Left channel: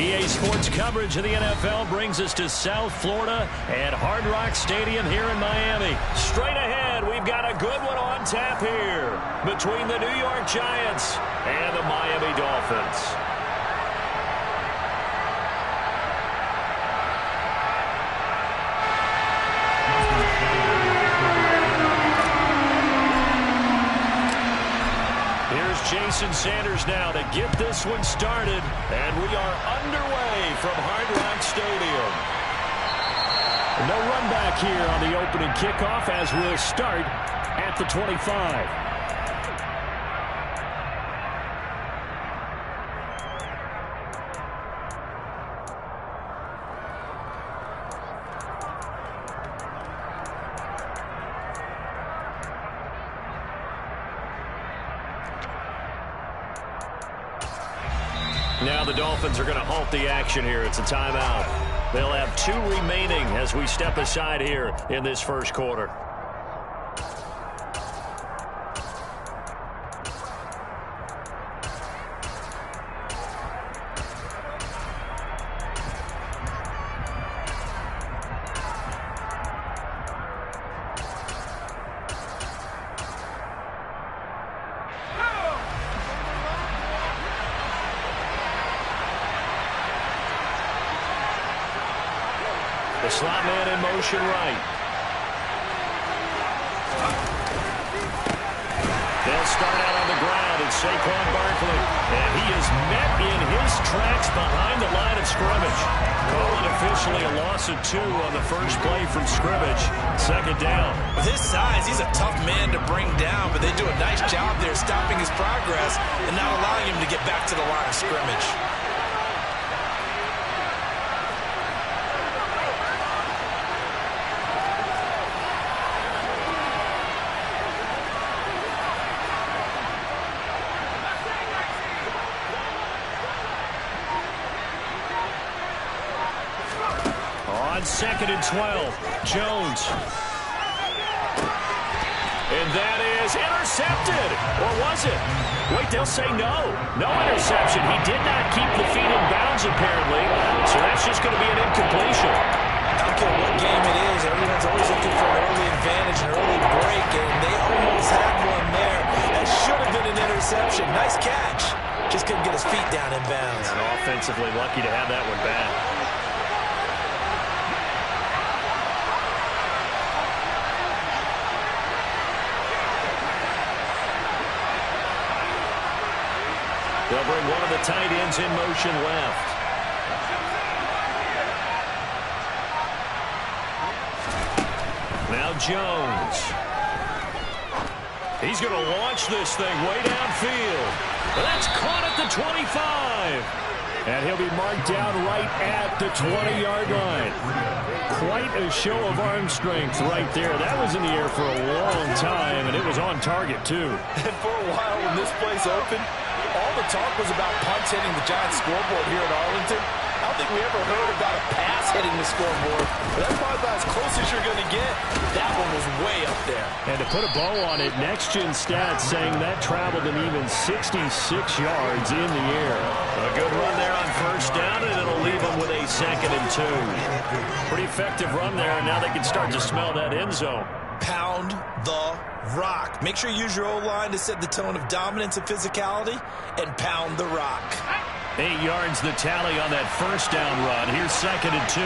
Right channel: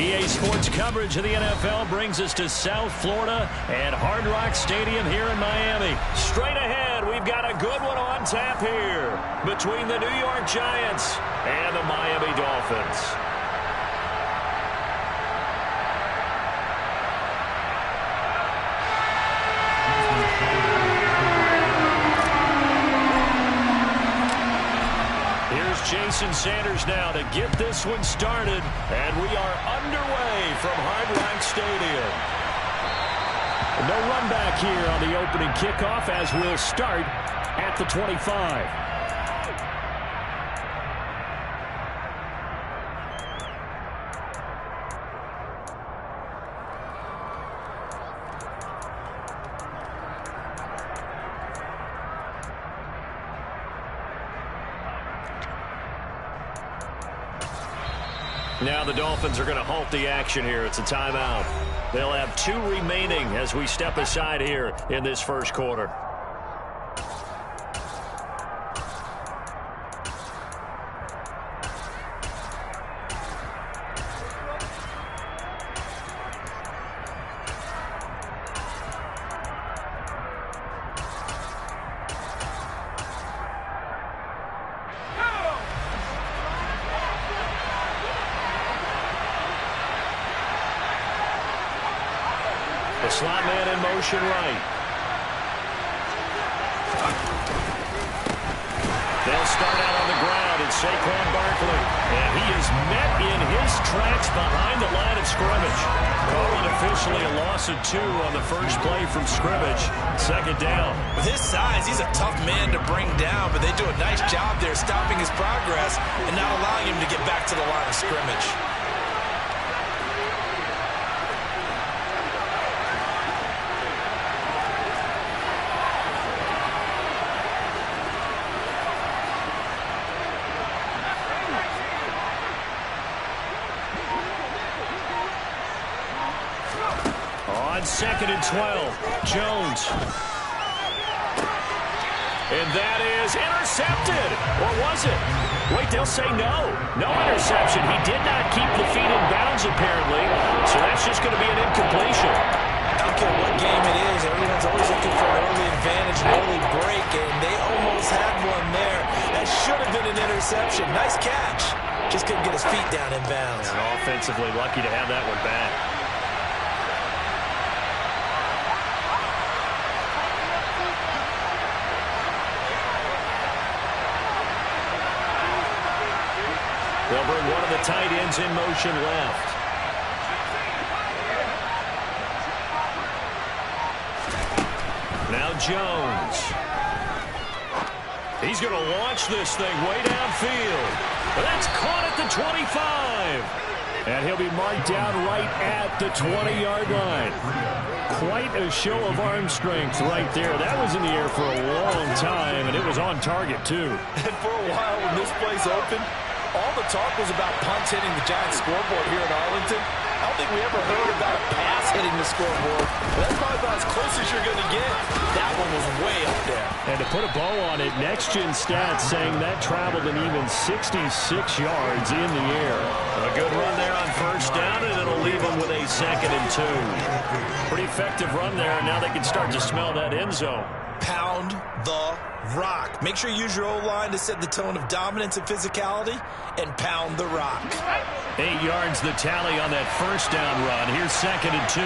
EA Sports coverage of the NFL brings us to South Florida at Hard Rock Stadium here in Miami. Straight ahead, we've got a good one on tap here between the New York Giants and the Miami Dolphins. Here's Jason Sanders now to get this one started, and we are underway from Hard Rock Stadium. No run back here on the opening kickoff as we'll start at the 25. Now the Dolphins are going to halt the action here. It's a timeout. They'll have 2 remaining as we step aside here in this first quarter. The slot man in motion right. They'll start out on the ground, and Saquon Barkley. And he is met in his tracks behind the line of scrimmage. Call it officially a loss of 2 on the first play from scrimmage. Second down. With his size, he's a tough man to bring down, but they do a nice job there stopping his progress and not allowing him to get back to the line of scrimmage. On 2nd and 12, Jones. And that is intercepted. Or was it? Wait, they'll say no. No interception. He did not keep the feet in bounds, apparently. So that's just going to be an incompletion. I don't care what game it is. Everyone's always looking for an early advantage, an early break, and they almost had one there. That should have been an interception. Nice catch. Just couldn't get his feet down in bounds. And offensively lucky to have that one back. They'll bring one of the tight ends in motion left. Now Jones. He's going to launch this thing way downfield. But that's caught at the 25. And he'll be marked down right at the 20-yard line. Quite a show of arm strength right there. That was in the air for a long time, and it was on target, too. And for a while when this play's open, all the talk was about punts hitting the Giants scoreboard here in Arlington. I don't think we ever heard about a pass hitting the scoreboard. But that's probably about as close as you're going to get. That one was way up there. And to put a bow on it, Next Gen Stats saying that traveled an even 66 yards in the air. A good run there on first down, and it'll leave them with a 2nd and 2. Pretty effective run there, and now they can start to smell that end zone. Pound the rock. Make sure you use your O-line to set the tone of dominance and physicality, and pound the rock. 8 yards the tally on that first down run. Here's 2nd and 2.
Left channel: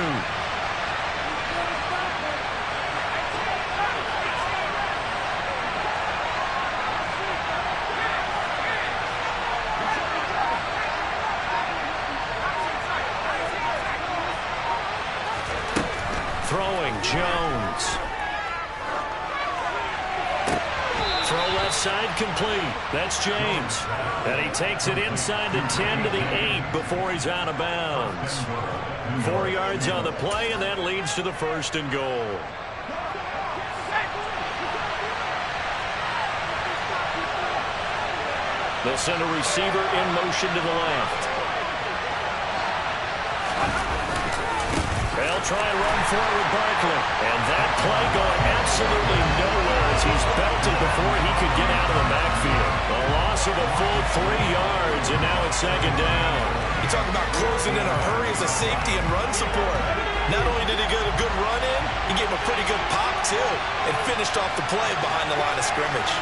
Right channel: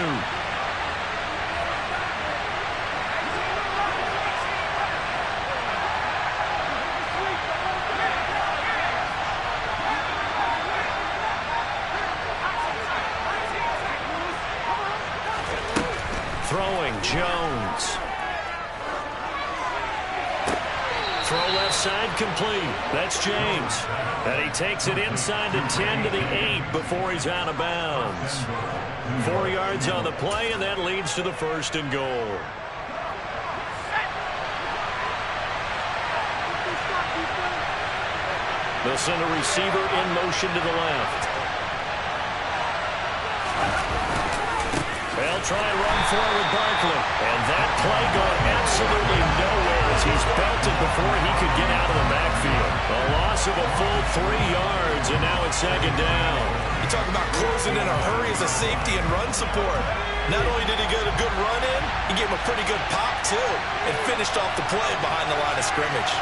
Throwing Jones. Throw left side complete. That's James. And he takes it inside the 10 to the 8 before he's out of bounds. 4 yards on the play, and that leads to the 1st and goal. They'll send a receiver in motion to the left. They'll try and run for it with Barkley. And that play going absolutely nowhere as he's belted before he could get out of the backfield. A loss of a full 3 yards, and now it's second down. You talk about closing in a hurry as a safety and run support. Not only did he get a good run in, he gave him a pretty good pop, too, and finished off the play behind the line of scrimmage.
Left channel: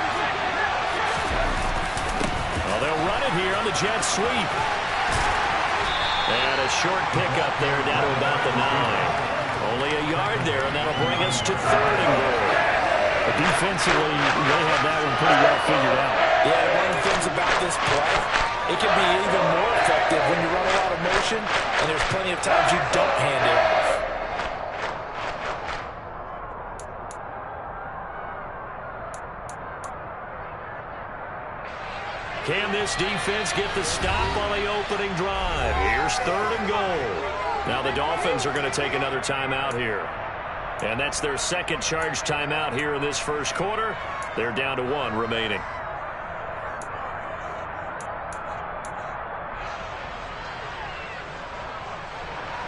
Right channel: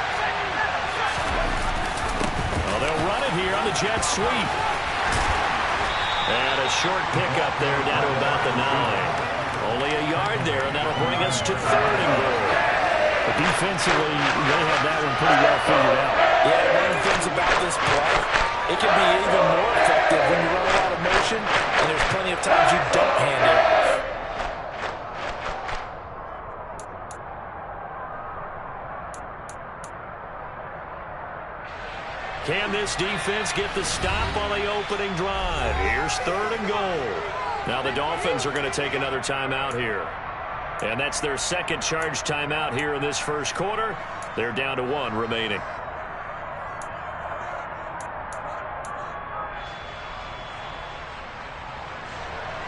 Well, they'll run it here on the jet sweep. And a short pickup there down to about the 9. Only a yard there, and that'll bring us to 3rd and goal. But defensively, they have that one pretty well figured out. Yeah, one of the things about this play, it can be even more effective when you run a lot of motion, and there's plenty of times you don't hand it off. Can this defense get the stop on the opening drive? Here's 3rd and goal. Now the Dolphins are going to take another timeout here. And that's their second charge timeout here in this first quarter. They're down to 1 remaining.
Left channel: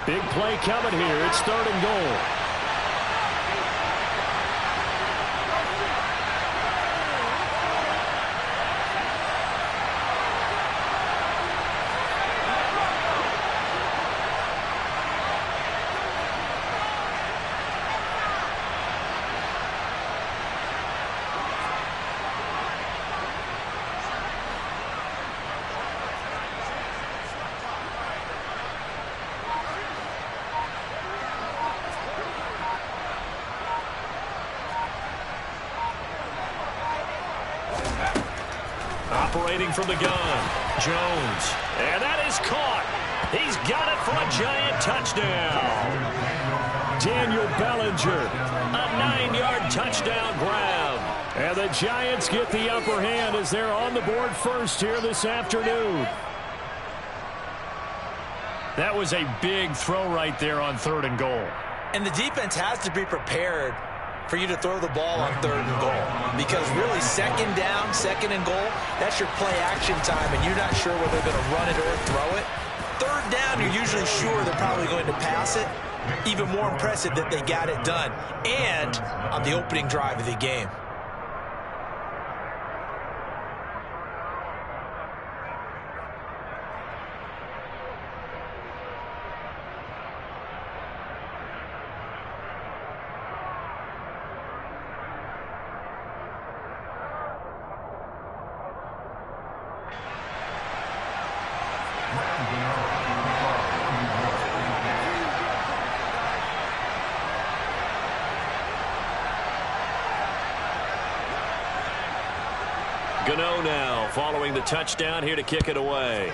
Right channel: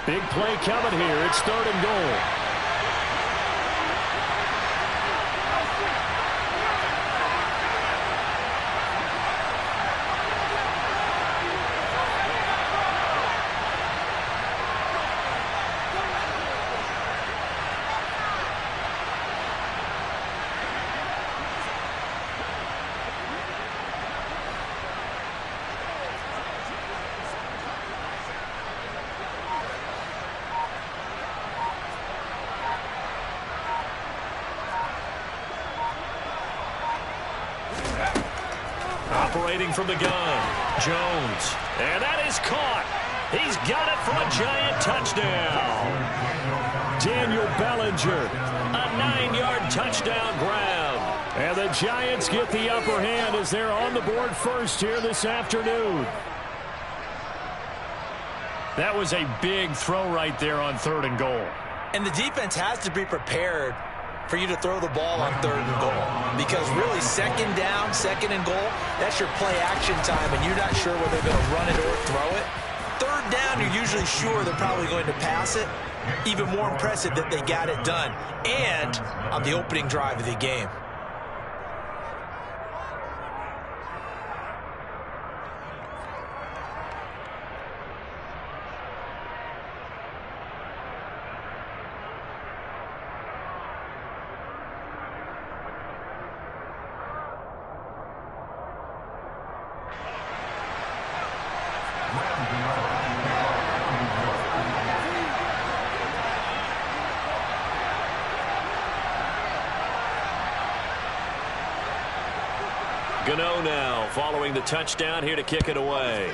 Big play coming here. It's 3rd and goal. Operating from the gun, Jones. And that is caught. He's got it for a giant touchdown. Daniel Bellinger. A 9-yard touchdown grab. And the Giants get the upper hand as they're on the board first here this afternoon. That was a big throw right there on 3rd and goal. And the defense has to be prepared for you to throw the ball on 3rd and goal. Because really, 2nd down, 2nd and goal, that's your play action time, and you're not sure whether they're going to run it or throw it. 3rd down, you're usually sure they're probably going to pass it. Even more impressive that they got it done, and on the opening drive of the game. Gano now following the touchdown here to kick it away.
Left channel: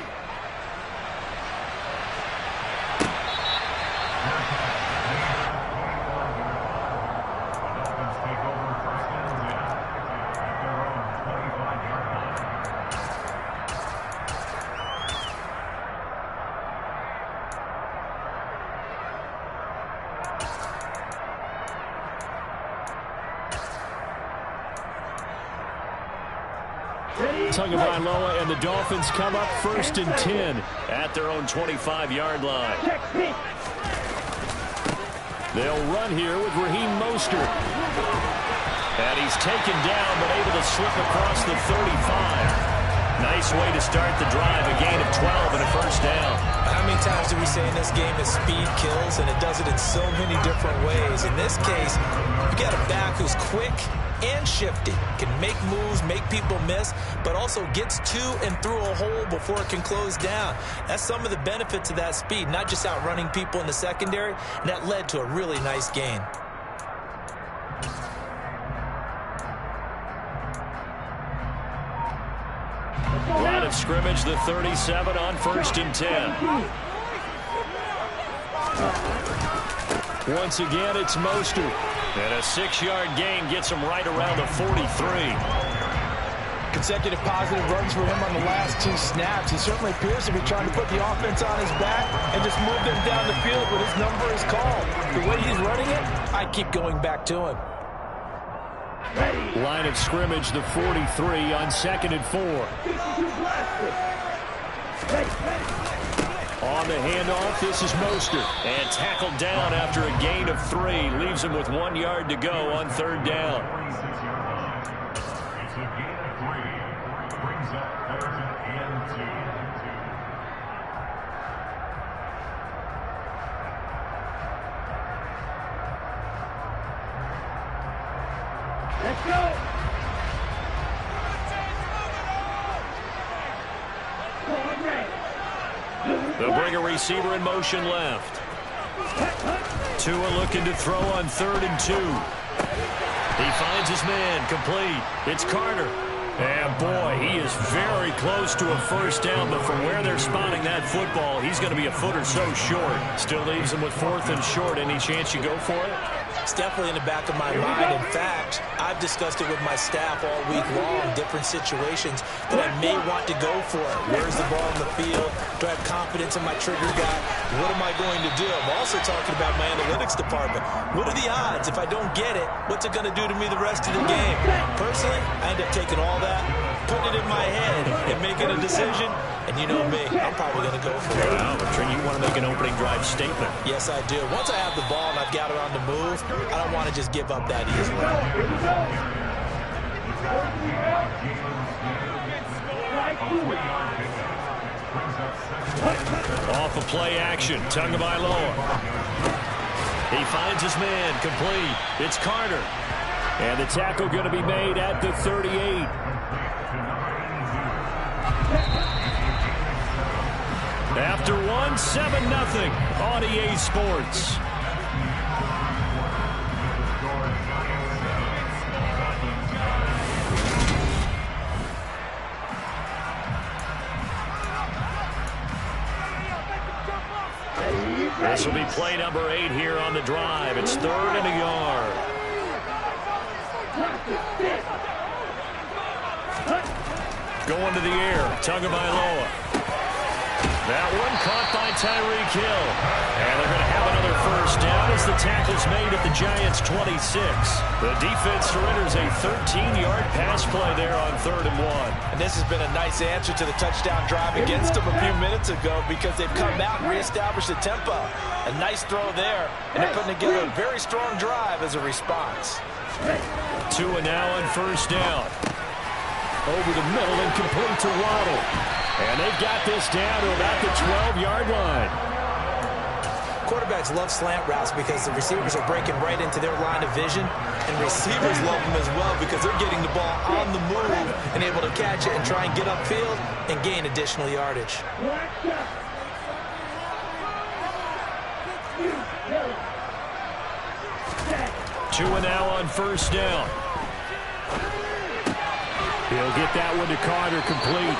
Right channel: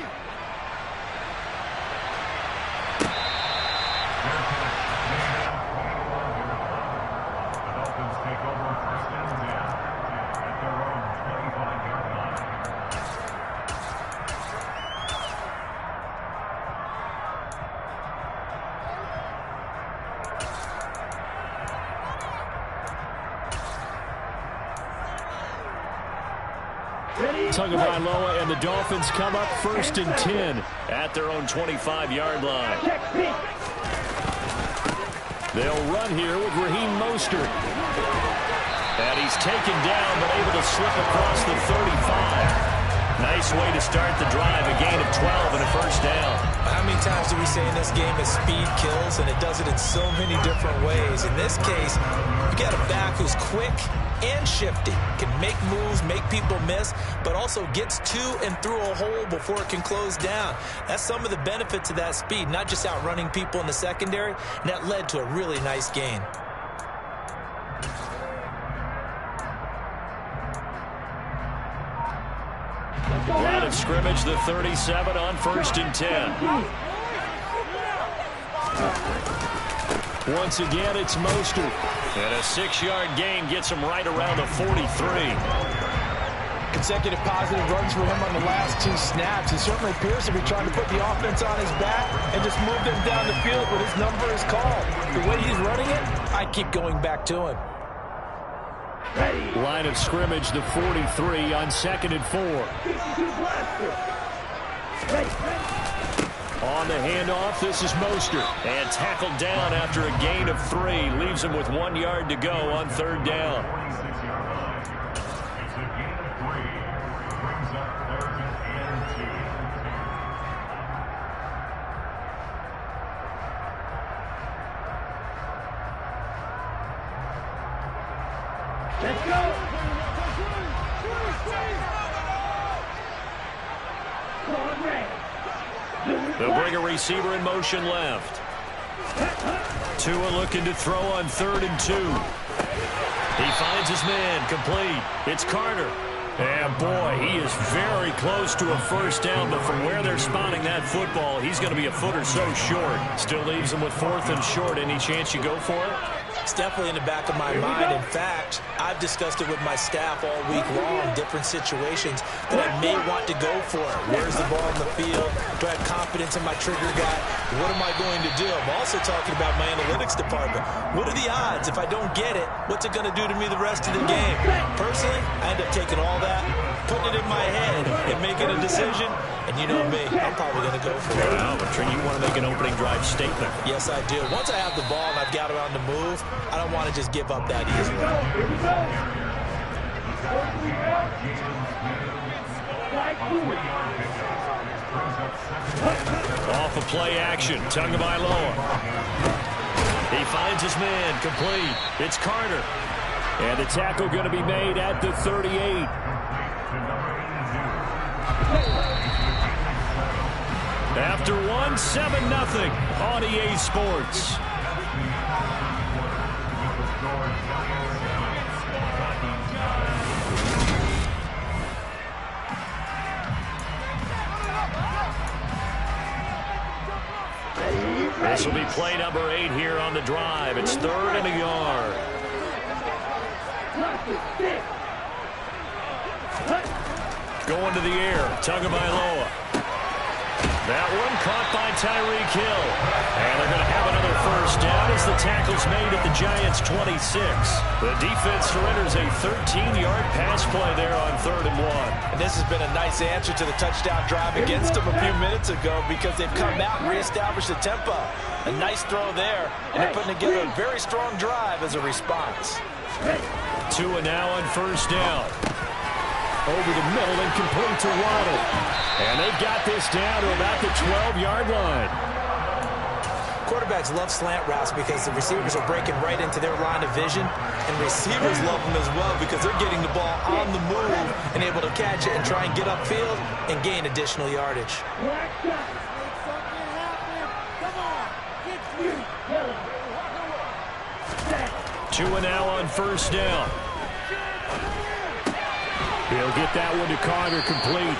Tagovailoa and the Dolphins come up 1st and 10 at their own 25-yard line. They'll run here with Raheem Mostert. And he's taken down but able to slip across the 35. Nice way to start the drive, a gain of 12 and a first down. How many times do we say in this game that speed kills, and it does it in so many different ways? In this case, you got a back who's quick and shifty, can make moves, make people miss, but also gets to and through a hole before it can close down. That's some of the benefits of that speed, not just outrunning people in the secondary, and that led to a really nice gain. Line of scrimmage, the 37 on 1st and 10. Once again, it's Mostert. And a 6-yard gain gets him right around the 43. Consecutive positive runs for him on the last 2 snaps. He certainly appears to be trying to put the offense on his back and just move them down the field when his number is called. The way he's running it, I keep going back to him. Line of scrimmage, the 43 on 2nd and 4. On the handoff, this is Mostert. And tackled down after a gain of 3. Leaves him with 1 yard to go on 3rd down. It's a gain of 3. Brings up 3rd and 2. Let's go. They'll bring a receiver in motion left. Tua looking to throw on 3rd and 2. He finds his man, complete. It's Carter. And boy, he is very close to a first down, but from where they're spotting that football, he's going to be a foot or so short. Still leaves him with 4th and short. Any chance you go for it? It's definitely in the back of my mind. In fact, I've discussed it with my staff all week long, different situations that I may want to go for it. Where's the ball in the field? Do I have confidence in my trigger guy? What am I going to do? I'm also talking about my analytics department. What are the odds? If I don't get it, what's it going to do to me the rest of the game? Personally, I end up taking all that, putting it in my head, and making a decision. And you know me, I'm probably going to go for it. Wow, you want to make an opening drive statement. Yes, I do. Once I have the ball and I've got it on the move, I don't want to just give up that easily. Off of play action, Tagovailoa. He finds his man, complete. It's Carter. And the tackle going to be made at the 38. After 1, 7-0 on EA Sports. This will be play number 8 here on the drive. It's 3rd and a yard. Going to the air, Tagovailoa. That one caught by Tyreek Hill. And they're going to have another first down as the tackle's made at the Giants' 26. The defense surrenders a 13-yard pass play there on 3rd and 1. And this has been a nice answer to the touchdown drive against them a few minutes ago because they've come out and reestablished the tempo. A nice throw there, and they're putting together a very strong drive as a response. Tua now on first down. Over the middle and complete to Waddle. And they've got this down to about the 12-yard line. Quarterbacks love slant routes because the receivers are breaking right into their line of vision, and receivers love them as well because they're getting the ball on the move and able to catch it and try and get upfield and gain additional yardage. Tua now on first down. He'll get that one to Carter, complete.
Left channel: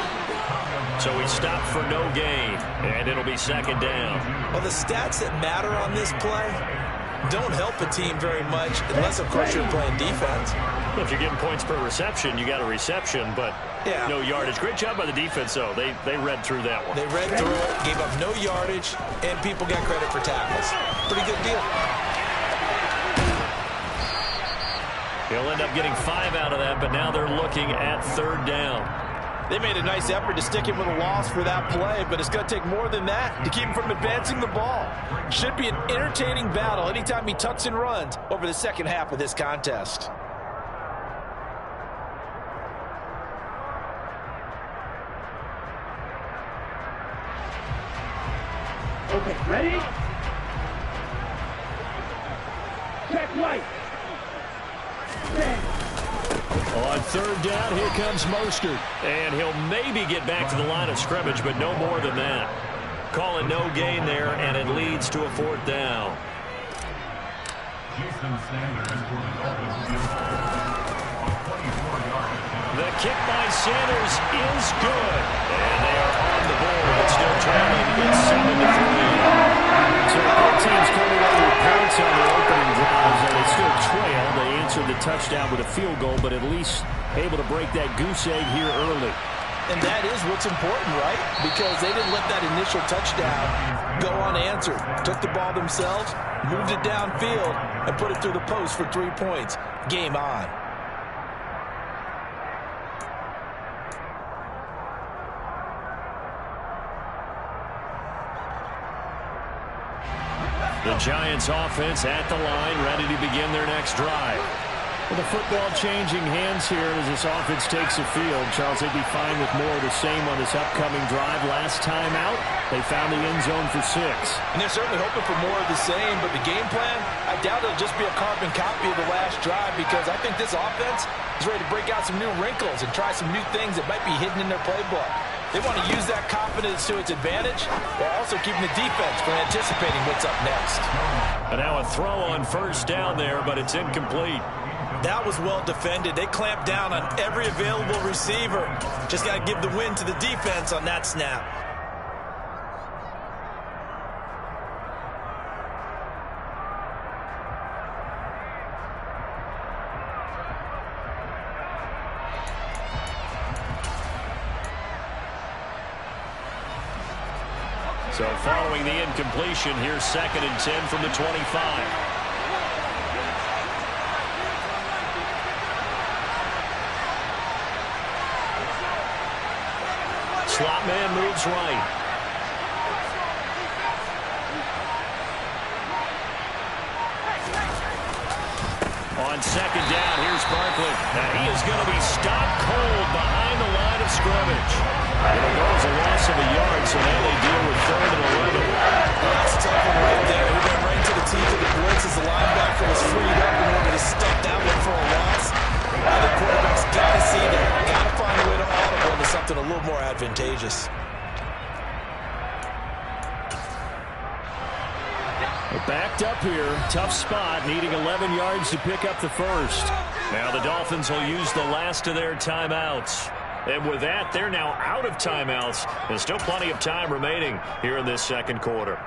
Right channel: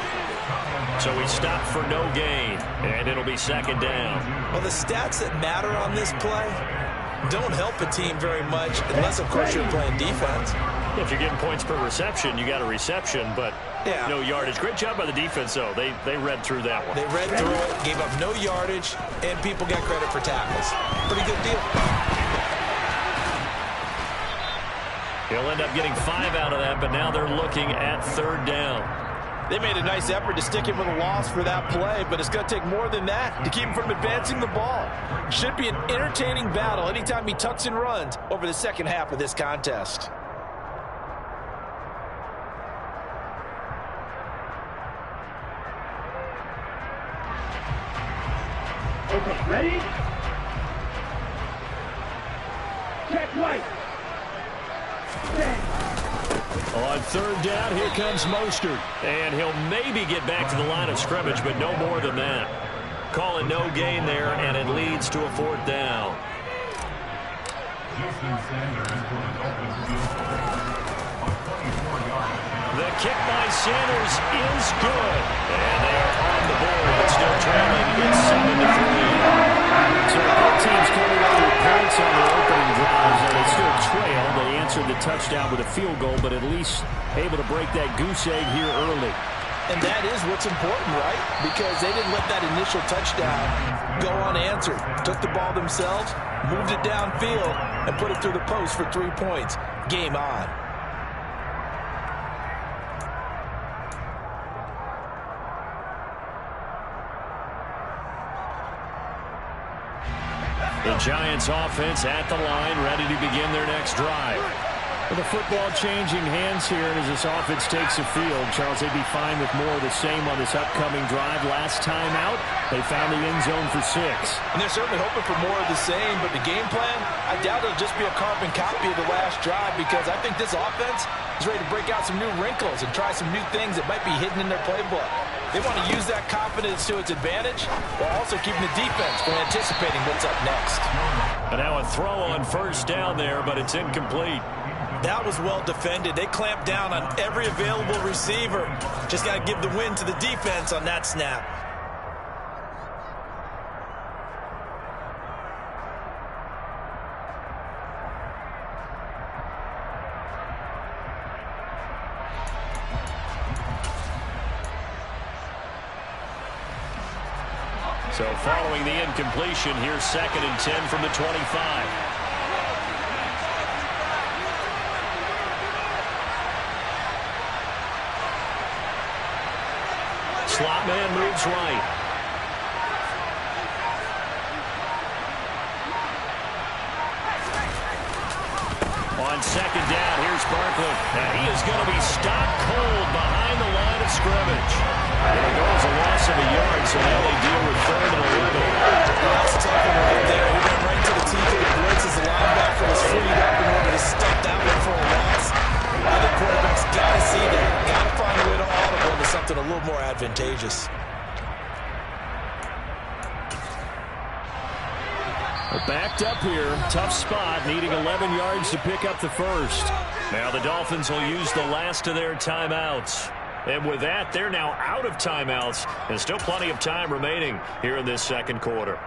So he stopped for no gain, and it'll be 2nd down. Well, the stats that matter on this play don't help a team very much unless, of course, you're playing defense. If you're getting points per reception, you got a reception, but no yardage. Great job by the defense, though. They read through that one. They read through it, gave up no yardage, and people got credit for tackles. Pretty good deal. He'll end up getting 5 out of that, but now they're looking at 3rd down. They made a nice effort to stick him with a loss for that play, but it's going to take more than that to keep him from advancing the ball. Should be an entertaining battle anytime he tucks and runs over the second half of this contest. Okay, ready? Check right. On 3rd down, here comes Mostert. And he'll maybe get back to the line of scrimmage, but no more than that. Call it no gain there, and it leads to a 4th down. The kick by Sanders is good. And they are on the board, but still trailing. It's 7-3. So both teams coming up with points on their opening drives, and they still trail. They answered the touchdown with a field goal, but at least able to break that goose egg here early. And that is what's important, right? Because they didn't let that initial touchdown go unanswered. Took the ball themselves, moved it downfield, and put it through the post for 3 points. Game on. The Giants offense at the line, ready to begin their next drive. With the football changing hands here as this offense takes the field, Charles, they'd be fine with more of the same on this upcoming drive. Last time out, they found the end zone for 6. And they're certainly hoping for more of the same, but the game plan, I doubt it'll just be a carbon copy of the last drive, because I think this offense is ready to break out some new wrinkles and try some new things that might be hidden in their playbook. They want to use that confidence to its advantage while also keeping the defense from anticipating what's up next. And now a throw on first down there, but it's incomplete. That was well defended. They clamped down on every available receiver. Just got to give the win to the defense on that snap. So following the incompletion, here's 2nd and 10 from the 25. Slot man moves right. On 2nd down, here's Barkley. And he is going to be stopped cold behind the line of scrimmage. It'll go as a loss of a yard, so now they deal with 3rd and 11. That's a tough one right there. He went right to the teeth of the blitz as the linebacker was freed up in order to stuff that one for a loss. Other quarterbacks got to see that. Got to find a way to audible into something a little more advantageous. Backed up here, tough spot, needing 11 yards to pick up the first. Now the Dolphins will use the last of their timeouts. And with that, they're now out of timeouts, and still plenty of time remaining here in this second quarter.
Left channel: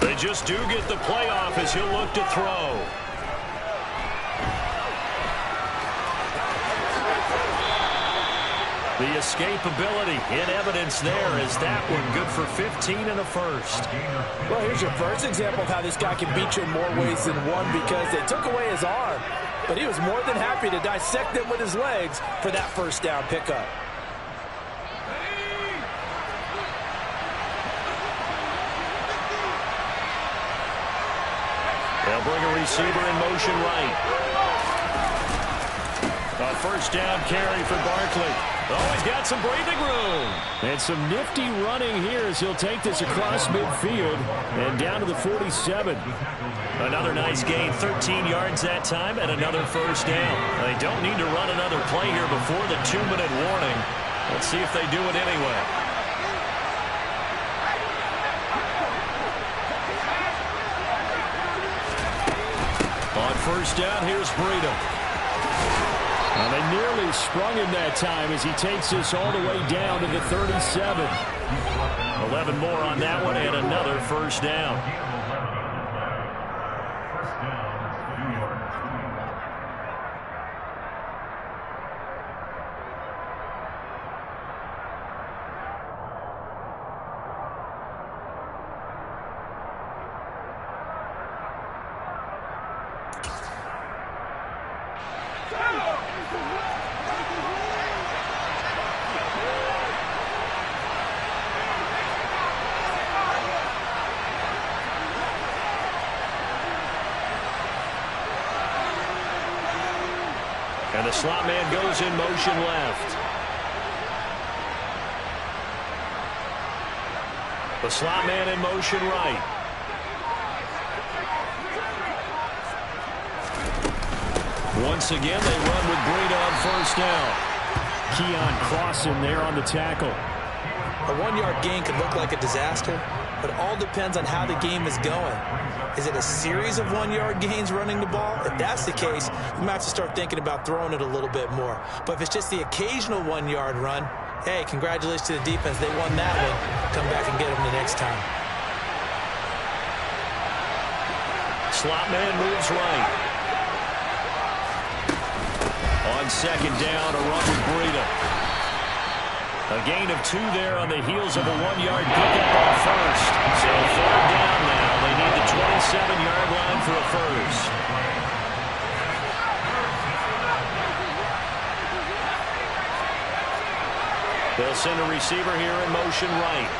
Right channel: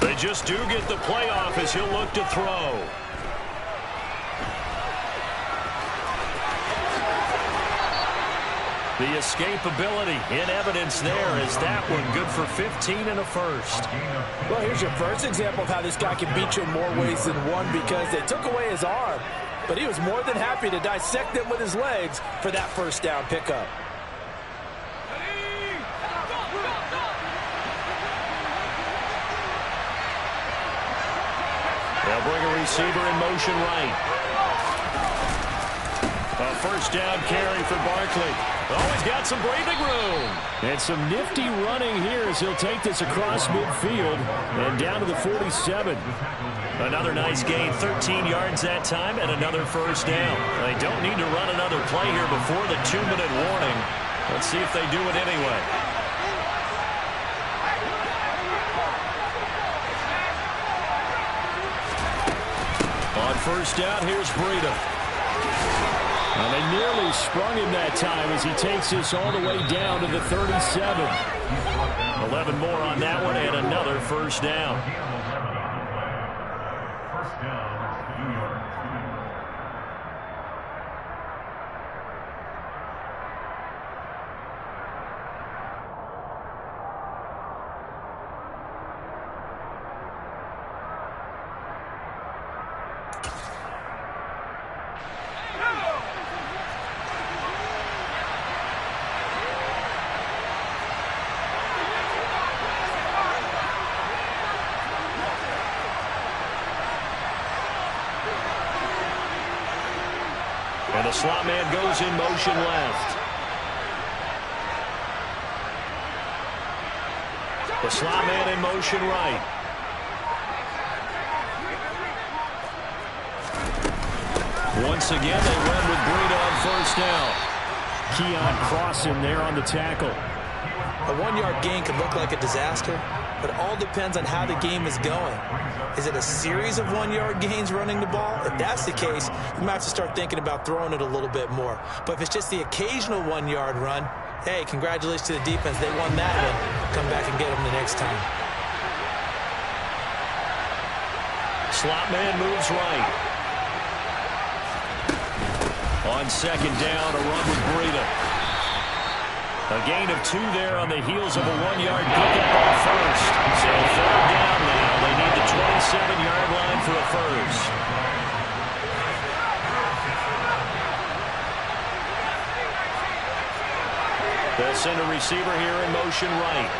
They just do get the playoff as he'll look to throw. The escapability in evidence there is that one good for 15 and a first. Well, here's your first example of how this guy can beat you in more ways than one, because they took away his arm, but he was more than happy to dissect them with his legs for that first down pickup. They'll bring a receiver in motion right. A first down carry for Barkley. Oh, he's got some breathing room. And some nifty running here as he'll take this across midfield and down to the 47. Another nice gain, 13 yards that time, and another first down. They don't need to run another play here before the 2-minute warning. Let's see if they do it anyway. On first down, here's Breida. Well, they nearly sprung him that time as he takes this all the way down to the 37. 11 more on that one and another first down. First down, New York. And the slot man goes in motion left. The slot man in motion right. Once again, they run with Breida on first down. Keon Cross in there on the tackle. A 1-yard gain could look like a disaster, but it all depends on how the game is going. Is it a series of 1-yard gains running the ball? If that's the case, you might have to start thinking about throwing it a little bit more. But if it's just the occasional 1-yard run, hey, congratulations to the defense. They won that one. Come back and get them the next time. Slot man moves right. On second down, a run with Breida. A gain of 2 there on the heels of a 1-yard pickup on first. So 3rd down now. They need the 27-yard line for a first. They'll send a receiver here in motion right.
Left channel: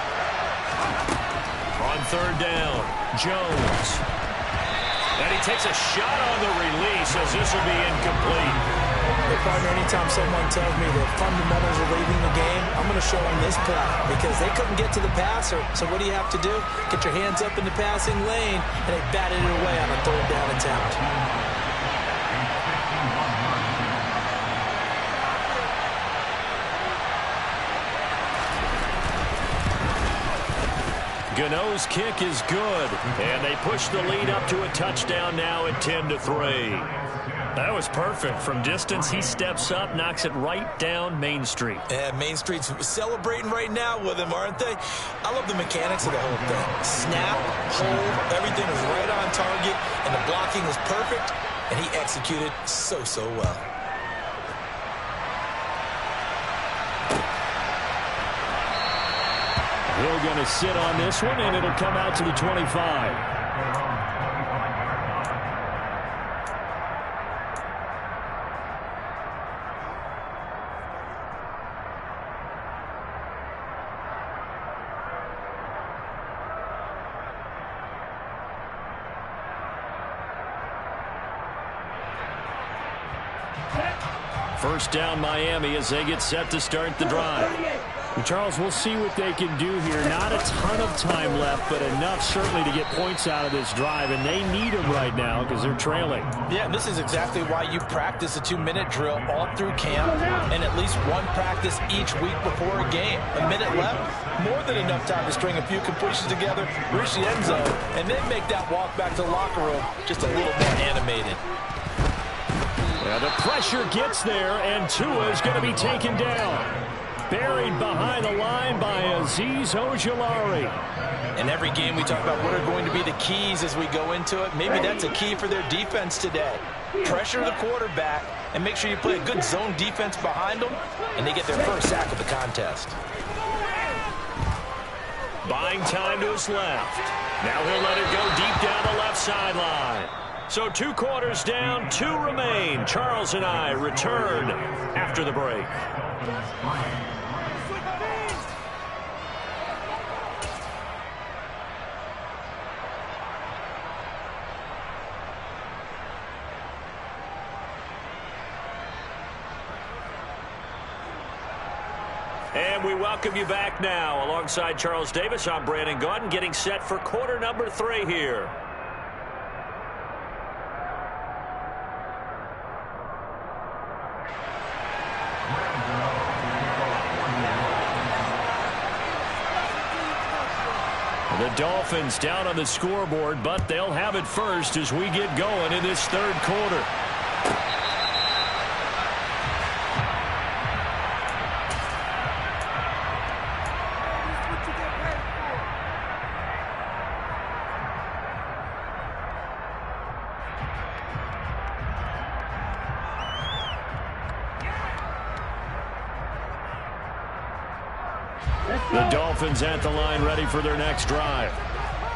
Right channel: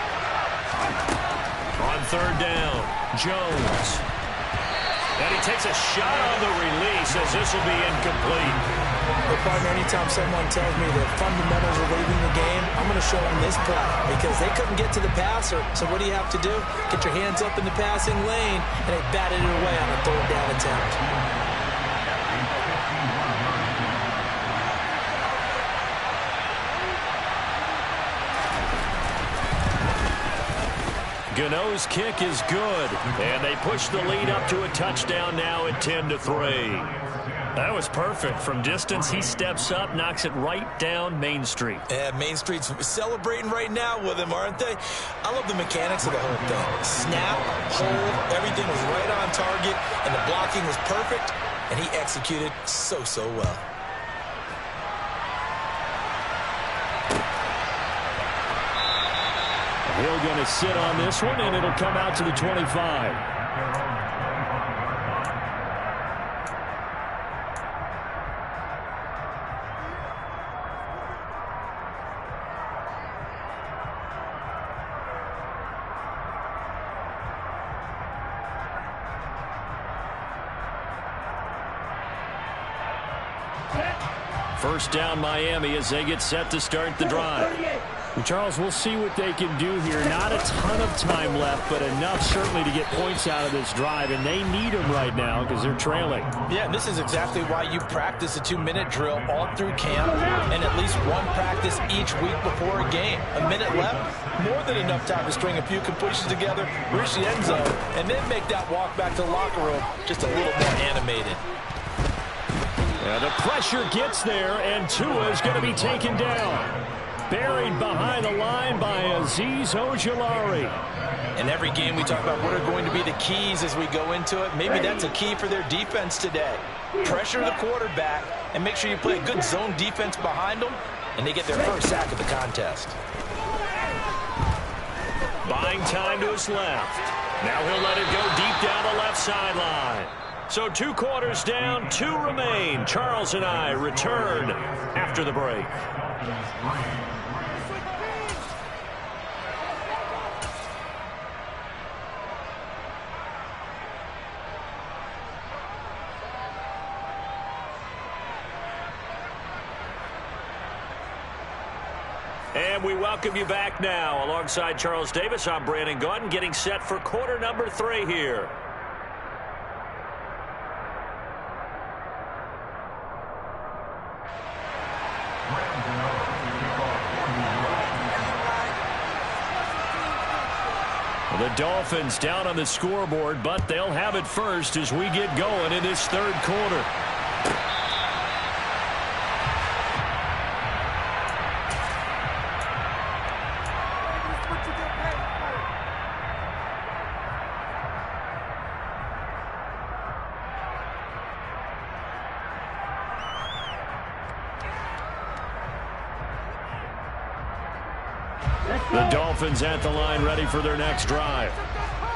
On 3rd down, Jones. And he takes a shot on the release as this will be incomplete. Hey, partner, anytime someone tells me the fundamentals are leaving the game, I'm going to show them this play because they couldn't get to the passer. So what do you have to do? Get your hands up in the passing lane, and they batted it away on a 3rd down attempt. Gano's kick is good, and they push the lead up to a touchdown now at 10-3. That was perfect. From distance, he steps up, knocks it right down Main Street. Yeah, Main Street's celebrating right now with him, aren't they? I love the mechanics of the whole thing. Snap, hold, everything was right on target, and the blocking was perfect, and he executed so well. Hill going to sit on this one, and it'll come out to the 25. First down Miami as they get set to start the drive. And Charles, we'll see what they can do here. Not a ton of time left, but enough certainly to get points out of this drive, and they need them right now because they're trailing. Yeah, and this is exactly why you practice a 2-minute drill all through camp and at least one practice each week before a game. A minute left, more than enough time to string a few completions together, reach the end zone, and then make that walk back to the locker room just a little more animated. Well, the pressure gets there, and Tua is going to be taken down. Buried behind the line by Azeez Ojulari. In every game we talk about what are going to be the keys as we go into it. Maybe that's a key for their defense today. Pressure the quarterback and make sure you play a good zone defense behind them, and they get their first sack of the contest. Buying time to his left. Now he'll let it go deep down the left sideline. So 2 quarters down, 2 remain. Charles and I return after the break. And we welcome you back now. Alongside Charles Davis, I'm Brandon Gaudin, getting set for quarter number 3 here. The Dolphins down on the scoreboard, but they'll have it first as we get going in this 3rd quarter. The Dolphins at the line ready for their next drive.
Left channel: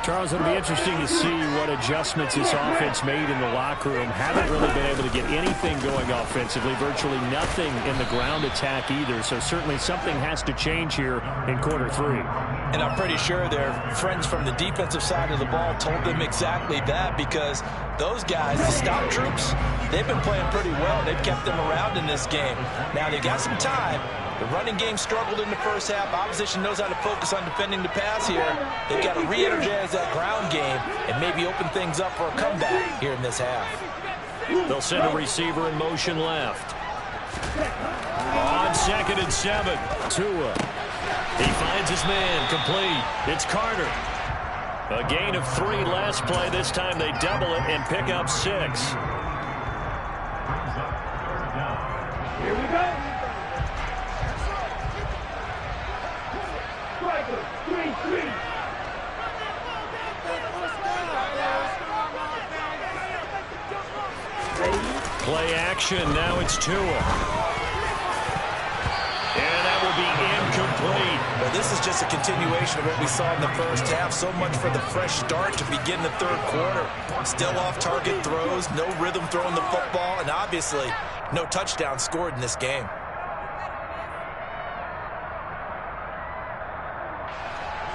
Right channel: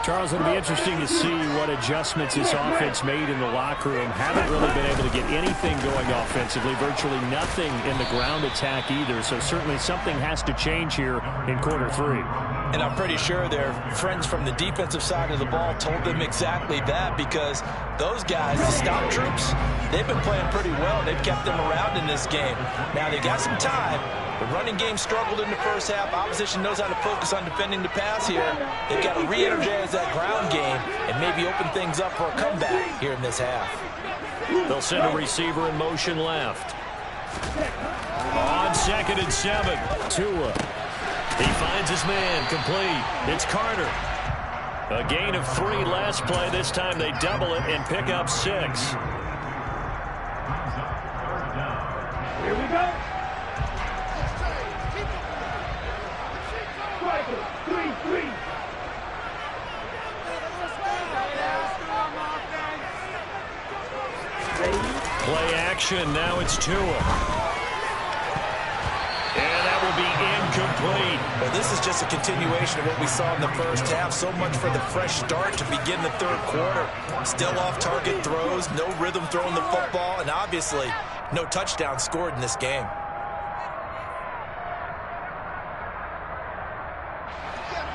Charles, it'll be interesting to see what adjustments this offense made in the locker room. Haven't really been able to get anything going offensively, virtually nothing in the ground attack either. So certainly something has to change here in quarter 3. And I'm pretty sure their friends from the defensive side of the ball told them exactly that, because those guys, the stop troops, they've been playing pretty well. They've kept them around in this game. Now they've got some time. The running game struggled in the first half. Opposition knows how to focus on defending the pass here. They've got to re-energize that ground game and maybe open things up for a comeback here in this half. They'll send a receiver in motion left. On 2nd and 7, Tua. He finds his man complete. It's Carter. A gain of 3 last play. This time they double it and pick up 6. Here we go. Striker, 3-3. Play action. Now it's Tua. And that will be incomplete. Well, this is just a continuation of what we saw in the first half. So much for the fresh start to begin the third quarter. Still off-target throws, no rhythm throwing the football, and obviously no touchdown scored in this game.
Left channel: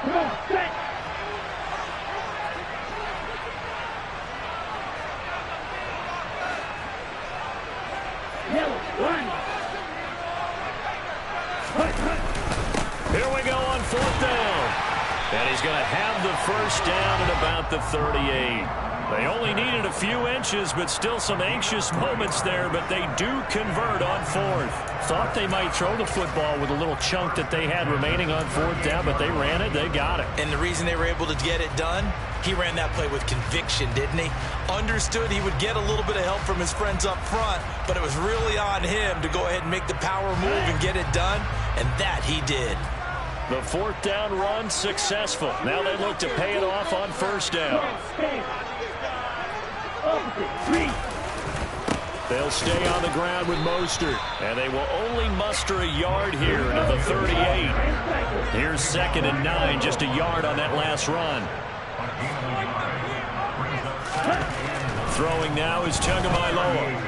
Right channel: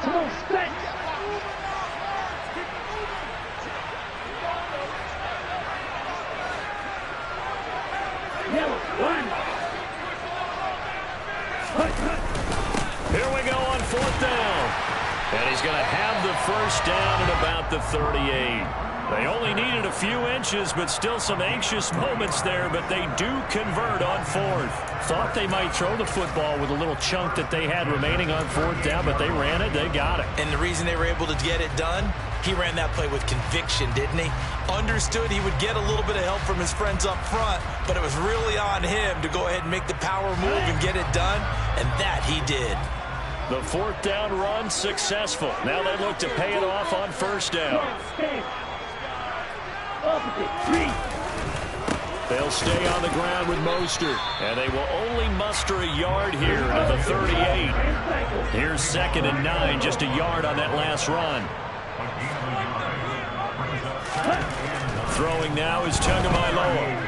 Come on, set. Yellow, one. Here we go on 4th down. And he's going to have the first down at about the 38. They only needed a few inches, but still some anxious moments there, but they do convert on 4th. Thought they might throw the football with a little chunk that they had remaining on 4th down, but they ran it, they got it. And the reason they were able to get it done, he ran that play with conviction, didn't he? Understood he would get a little bit of help from his friends up front, but it was really on him to go ahead and make the power move and get it done, and that he did. The 4th down run successful. Now they look to pay it off on 1st down. They'll stay on the ground with Mostert, and they will only muster a yard here to the 38. Here's 2nd and 9, just a yard on that last run. Throwing now is Tagovailoa.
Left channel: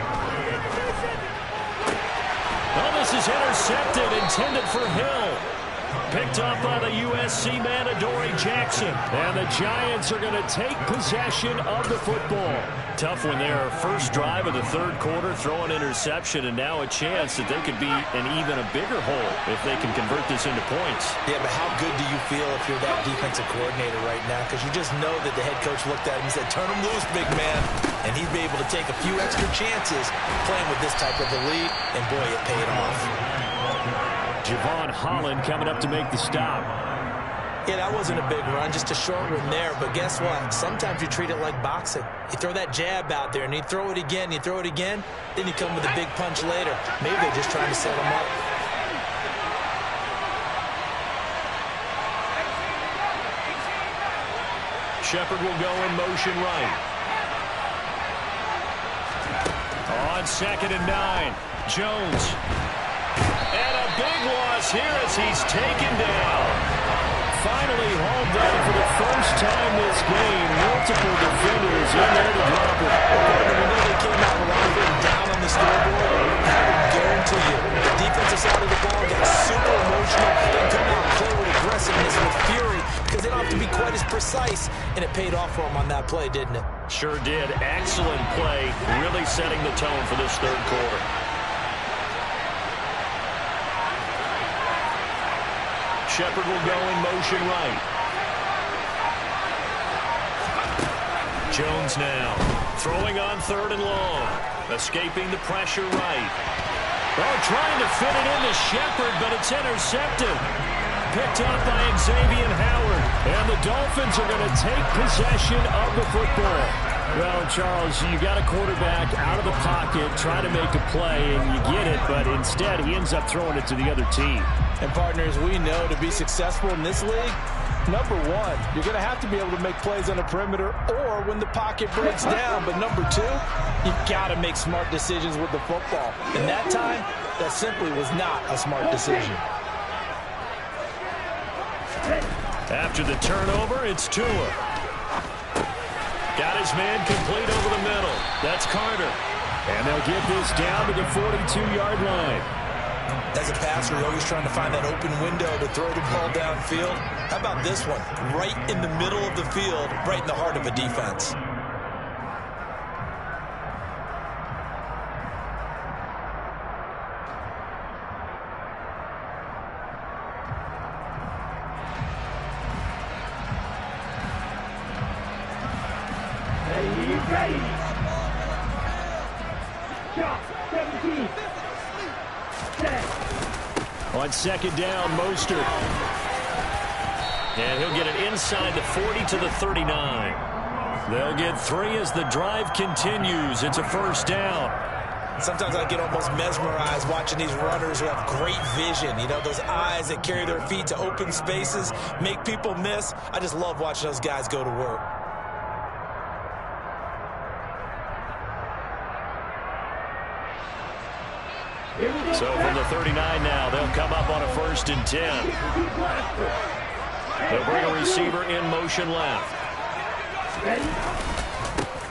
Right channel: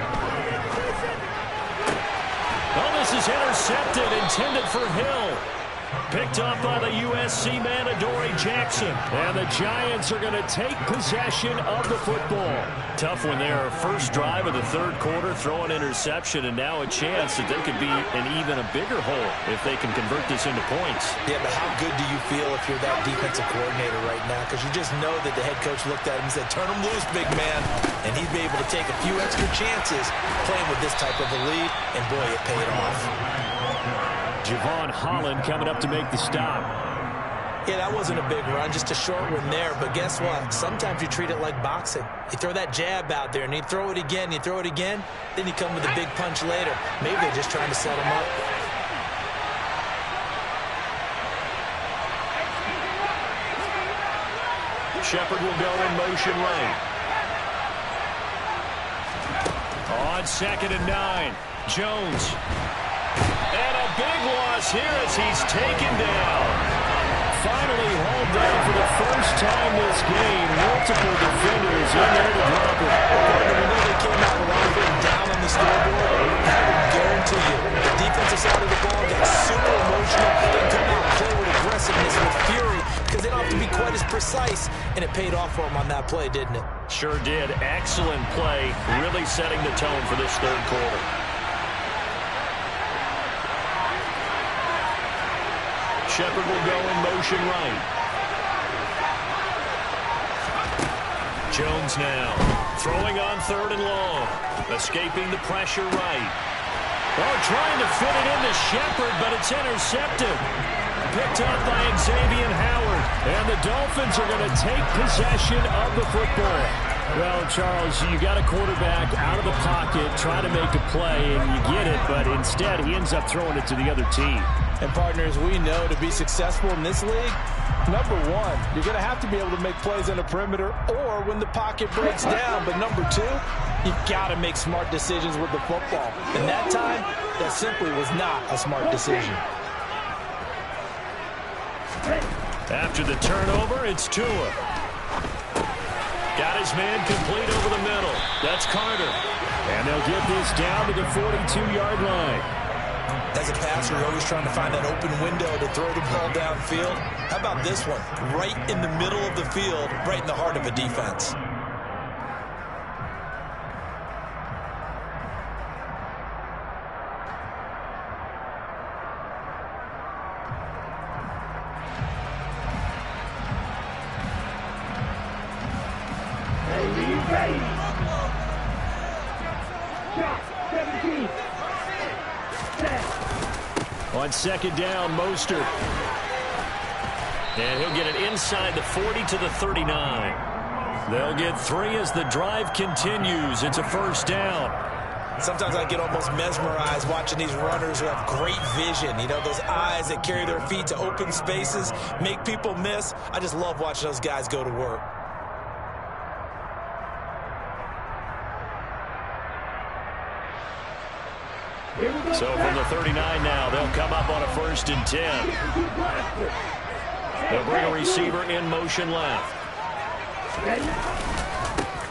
Oh, this is intercepted, intended for Hill. Picked up by the USC man, Adoree Jackson. And the Giants are going to take possession of the football. Tough one there. First drive of the third quarter, throw an interception, and now a chance that they could be in even a bigger hole if they can convert this into points. Yeah, but how good do you feel if you're that defensive coordinator right now? Because you just know that the head coach looked at him and said, turn him loose, big man. And he'd be able to take a few extra chances playing with this type of a lead, and boy, it paid off. Javon Holland coming up to make the stop. Yeah, that wasn't a big run, just a short one there. But guess what? Sometimes you treat it like boxing. You throw that jab out there, and you throw it again, then you come with a big punch later. Maybe they're just trying to set him up. Shepard will go in motion right. On 2nd and 9, Jones. And a big loss here as he's taken down. Finally hauled down for the first time this game. Multiple defenders in there to drop it. We know they came out alive down on the scoreboard. I will guarantee you, the defensive side of the ball got super emotional. They come out and play with aggressiveness, with fury, because they don't have to be quite as precise. And it paid off for them on that play, didn't it? Sure did. Excellent play, really setting the tone for this third quarter. Shepard will go in motion right. Jones now throwing on 3rd and long. Escaping the pressure right. Oh, trying to fit it into Shepard, but it's intercepted. Picked up by Xavier Howard. And the Dolphins are going to take possession of the football. Well, Charles, you got a quarterback out of the pocket, trying to make a play, and you get it, but instead he ends up throwing it to the other team. And partners, we know to be successful in this league, number one, you're going to have to be able to make plays on the perimeter or when the pocket breaks down. But number two, you got to make smart decisions with the football. And that time, that simply was not a smart decision. After the turnover, it's Tua. Got his man complete over the middle. That's Carter. And they'll get this down to the 42-yard line. As a passer, you're always trying to find that open window to throw the ball downfield. How about this one? Right in the middle of the field, right in the heart of a defense. On 2nd down, Mostert. And he'll get it inside the 40 to the 39. They'll get 3 as the drive continues. It's a first down. Sometimes I get almost mesmerized watching these runners who have great vision. You know, those eyes that carry their feet to open spaces, make people miss. I just love watching those guys go to work. So from the 39 now, they'll come up on a 1st and 10. They'll bring a receiver in motion left.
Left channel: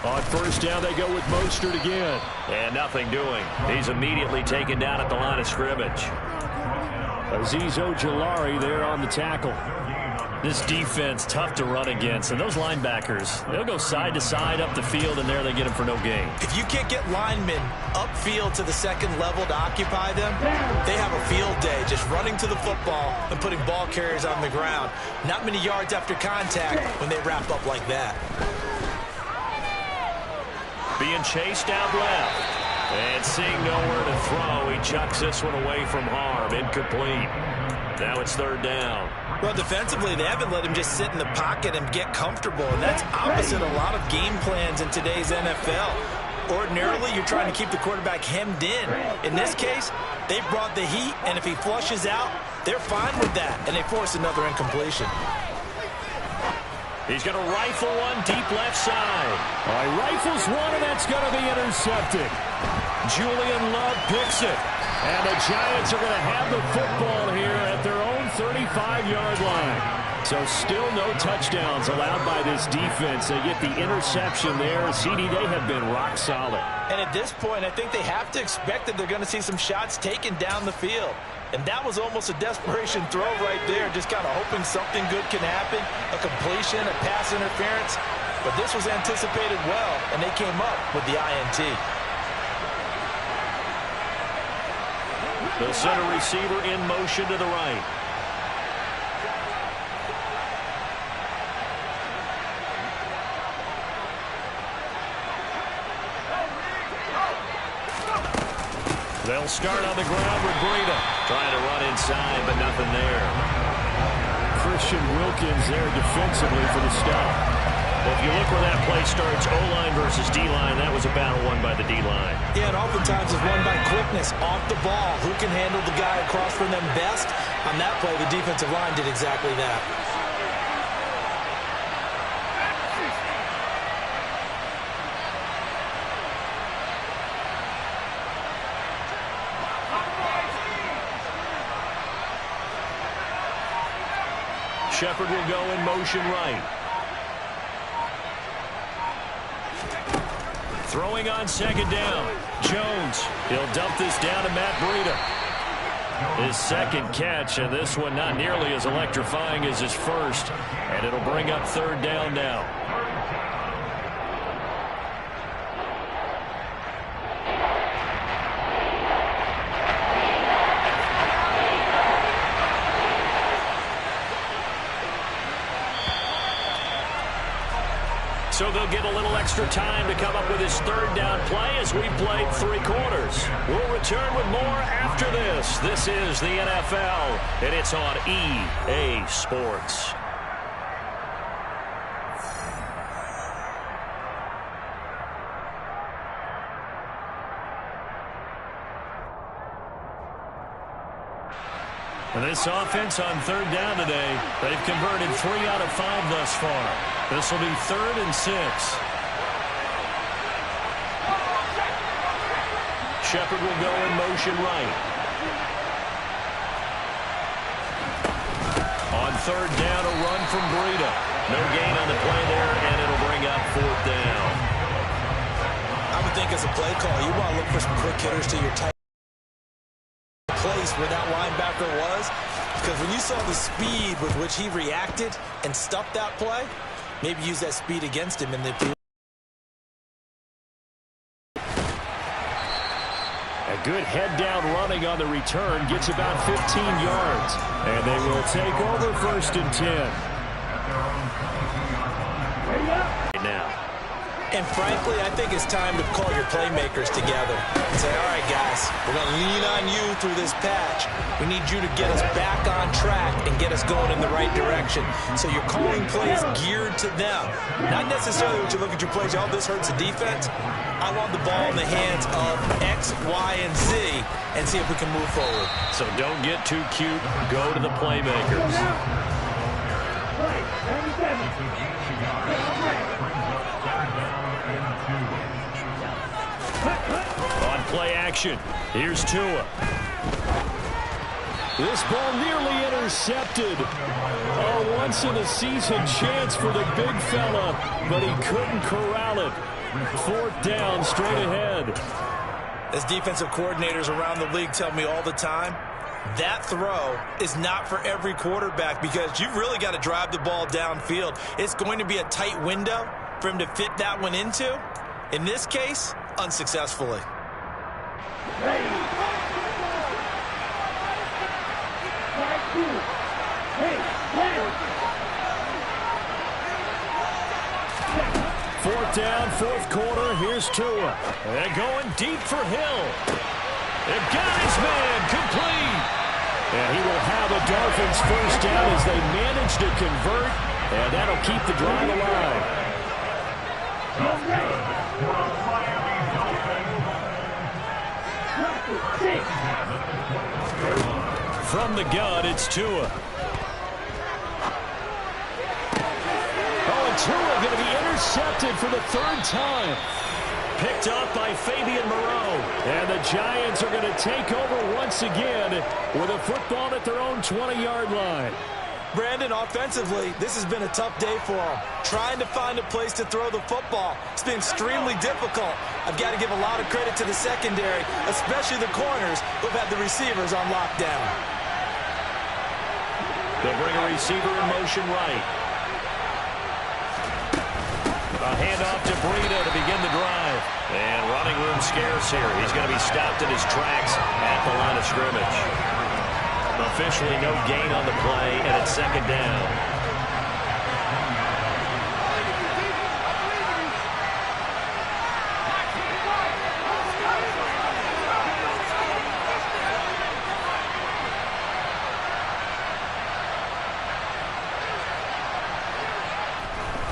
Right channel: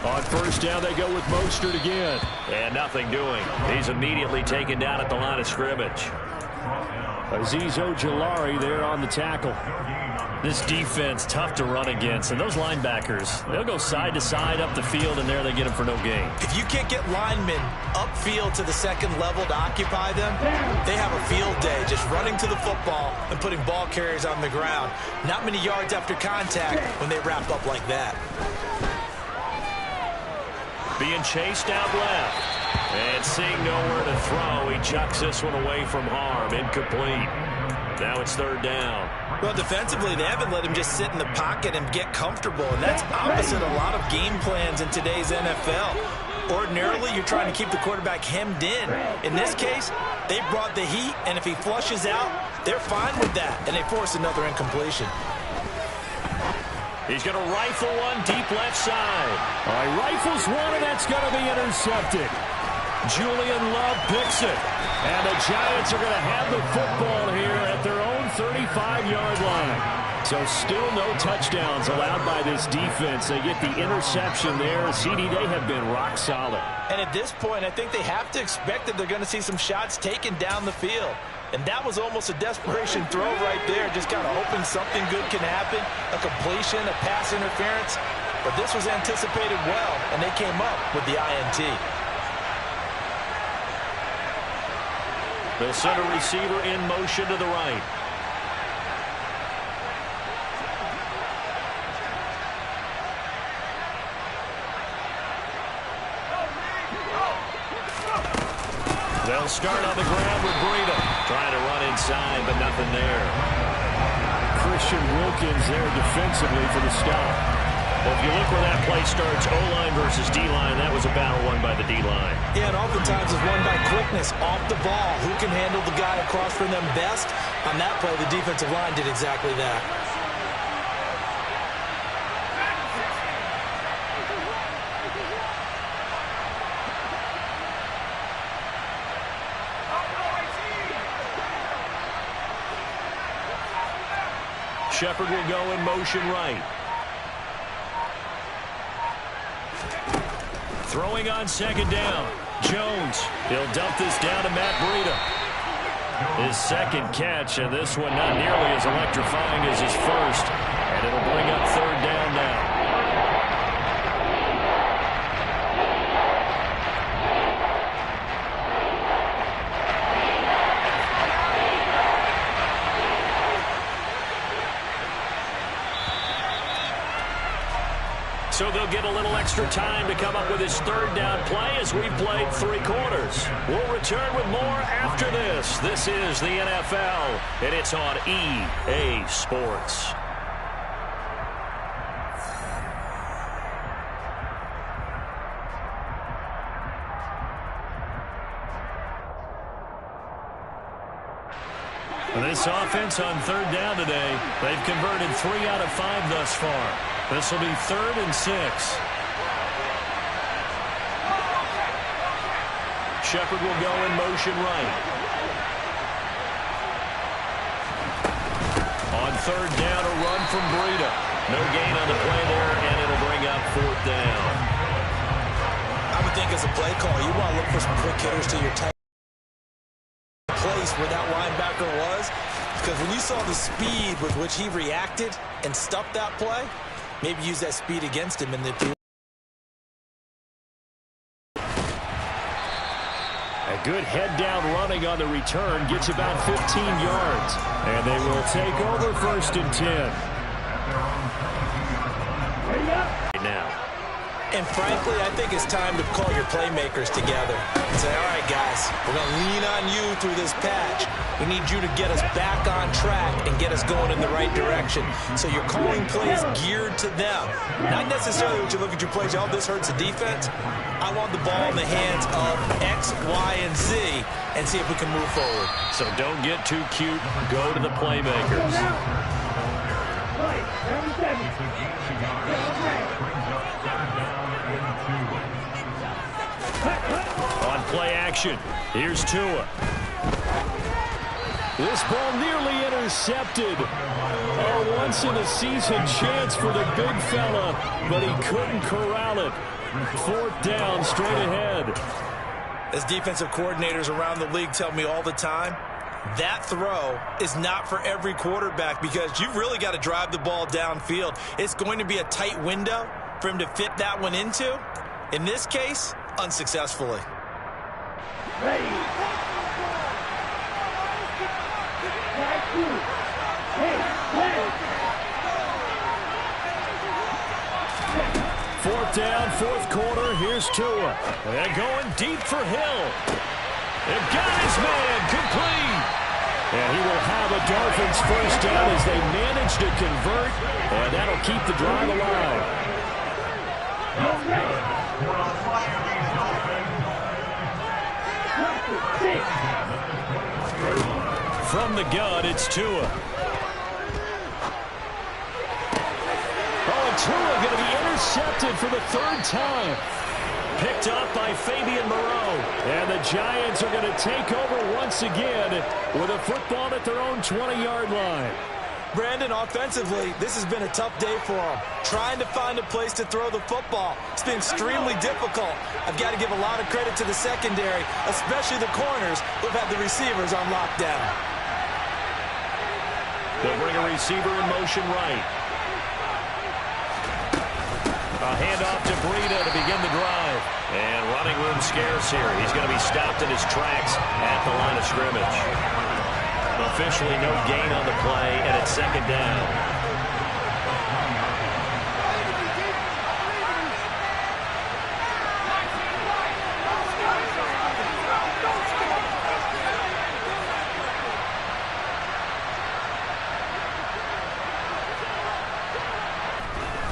On 1st down, they go with Mostert again. And nothing doing. He's immediately taken down at the line of scrimmage. Azeez Ojulari there on the tackle. This defense, tough to run against. And those linebackers, they'll go side to side up the field, and there they get them for no gain. If you can't get linemen upfield to the second level to occupy them, they have a field day just running to the football and putting ball carriers on the ground. Not many yards after contact when they wrap up like that. Being chased out left. And seeing nowhere to throw, he chucks this one away from harm. Incomplete. Now it's 3rd down. Well, defensively, they haven't let him just sit in the pocket and get comfortable, and that's opposite a lot of game plans in today's NFL. Ordinarily, you're trying to keep the quarterback hemmed in. In this case, they brought the heat, and if he flushes out, they're fine with that, and they force another incompletion. He's going to rifle one deep left side. All right, rifles one, and that's going to be intercepted. Julian Love picks it. And the Giants are going to have the football here at their own 35-yard line. So still no touchdowns allowed by this defense. They get the interception there. CD, they have been rock solid. And at this point, I think they have to expect that they're going to see some shots taken down the field. And that was almost a desperation throw right there, just kind of hoping something good can happen, a completion, a pass interference. But this was anticipated well, and they came up with the INT. They'll send a receiver in motion to the right. They'll start on the ground with Breida. Trying to run inside, but nothing there. Christian Wilkins there defensively for the stop. Well, if you look where that play starts, O-line versus D-line, that was a battle won by the D-line. Yeah, and oftentimes it's won by quickness, off the ball. Who can handle the guy across from them best? On that play, the defensive line did exactly that. Shepard will go in motion right. Throwing on 2nd down. Jones. He'll dump this down to Matt Breida. His 2nd catch, and this one not nearly as electrifying as his first. And it'll bring up 3rd down now. So they'll get a little extra time to come up with his 3rd down play as we've played 3 quarters. We'll return with more after this. This is the NFL, and it's on EA Sports. This offense on 3rd down today, they've converted 3 out of 5 thus far. This will be 3rd and 6. Shepard will go in motion right. On 3rd down, a run from Breida. No gain on the play there, and it'll bring up 4th down. I would think as a play call, you want to look for some quick hitters to your tight place where that linebacker was, because when you saw the speed with which he reacted and stuffed that play, maybe use that speed against him in the field. A good head-down running on the return gets about 15 yards. And they will take over 1st and 10. Right now. And frankly, I think it's time to call your playmakers together and say, all right, guys, we're going to lean on you through this patch. We need you to get us back on track and get us going in the right direction. So you're calling plays geared to them. Not necessarily when you look at your plays, oh, this hurts the defense. I want the ball in the hands of X, Y, and Z and see if we can move forward. So don't get too cute. Go to the playmakers. On play action, here's Tua. This ball nearly intercepted. A once-in-a-season chance for the big fella, but he couldn't corral it. 4th down, straight ahead. As defensive coordinators around the league tell me all the time, that throw is not for every quarterback because you've really got to drive the ball downfield. It's going to be a tight window for him to fit that one into. In this case, unsuccessfully. Fourth down, 4th quarter. Here's Tua. They're going deep for Hill. They've got his man complete. And he will have a Dolphins first down as they manage to convert. And that'll keep the drive alive. From the gun, it's Tua. Tua going to be intercepted for the 3rd time. Picked up by Fabian Moreau. And the Giants are going to take over once again with a football at their own 20-yard line. Brandon, offensively, this has been a tough day for them. Trying to find a place to throw the football. It's been extremely difficult. I've got to give a lot of credit to the secondary, especially the corners who've had the receivers on lockdown. They'll bring a receiver in motion right. A handoff to Breida to begin the drive. And running room scarce here. He's going to be stopped in his tracks at the line of scrimmage. Officially no gain on the play, and it's 2nd down.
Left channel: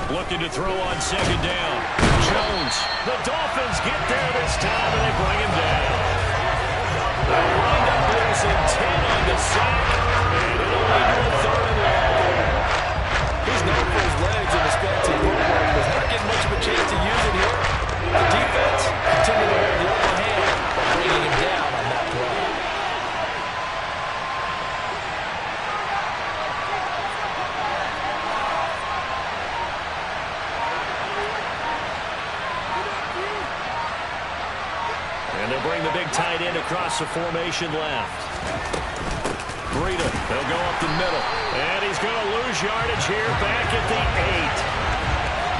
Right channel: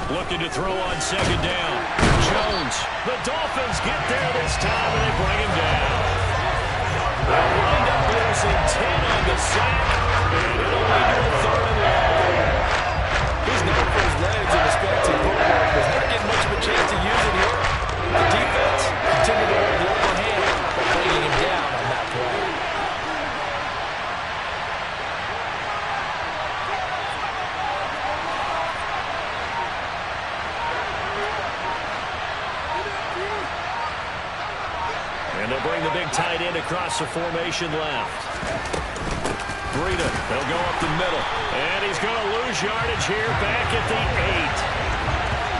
Looking to throw on 2nd down. Jones. The Dolphins get there this time, and they bring him down. They'll wind up losing 10 on the sack, and it'll lead to a 3rd and long. He's known for his legs in the spanty football. He's not getting much of a chance to use it here. The defense continued to hold the upper hand by bringing him down on that play. And they'll bring the big tight end across the formation left. Breida, they'll go up the middle. And he's going to lose yardage here back at the 8.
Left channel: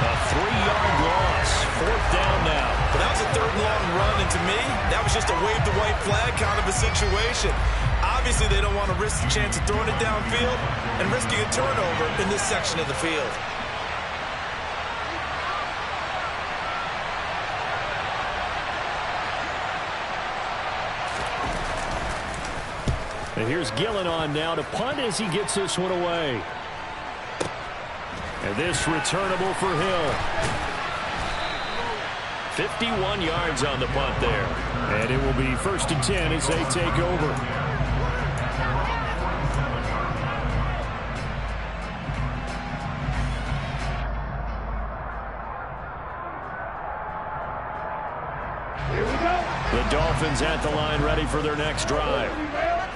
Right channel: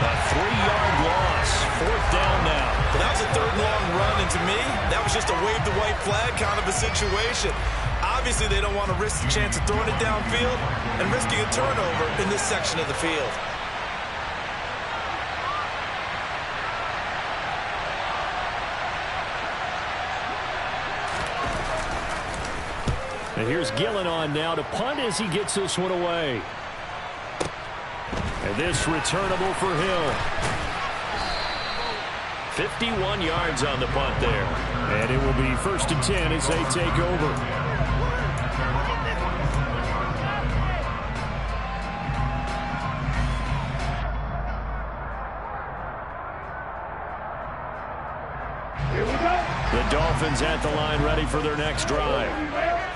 A 3-yard loss. 4th down now. But that was a 3rd and long run, and to me, that was just a wave the white flag kind of a situation. Obviously, they don't want to risk the chance of throwing it downfield and risking a turnover in this section of the field. And here's Gillen on now to punt as he gets this one away. And this returnable for Hill. 51 yards on the punt there. And it will be 1st and 10 as they take over. The Dolphins at the line ready for their next drive.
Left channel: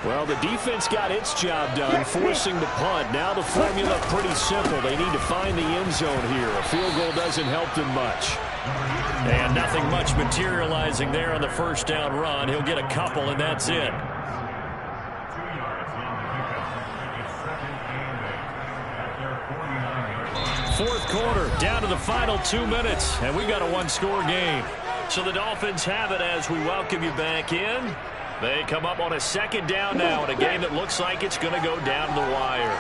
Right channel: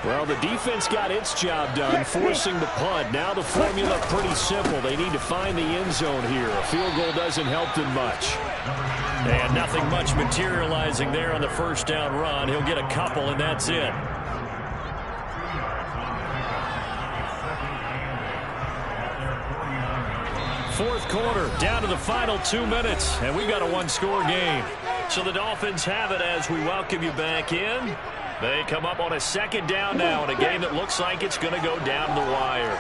Well, the defense got its job done, forcing the punt. Now the formula pretty simple. They need to find the end zone here. A field goal doesn't help them much. And nothing much materializing there on the 1st down run. He'll get a couple, and that's it. Fourth quarter, down to the final 2 minutes, and we've got a 1-score game. So the Dolphins have it as we welcome you back in. They come up on a 2nd down now in a game that looks like it's going to go down to the wire.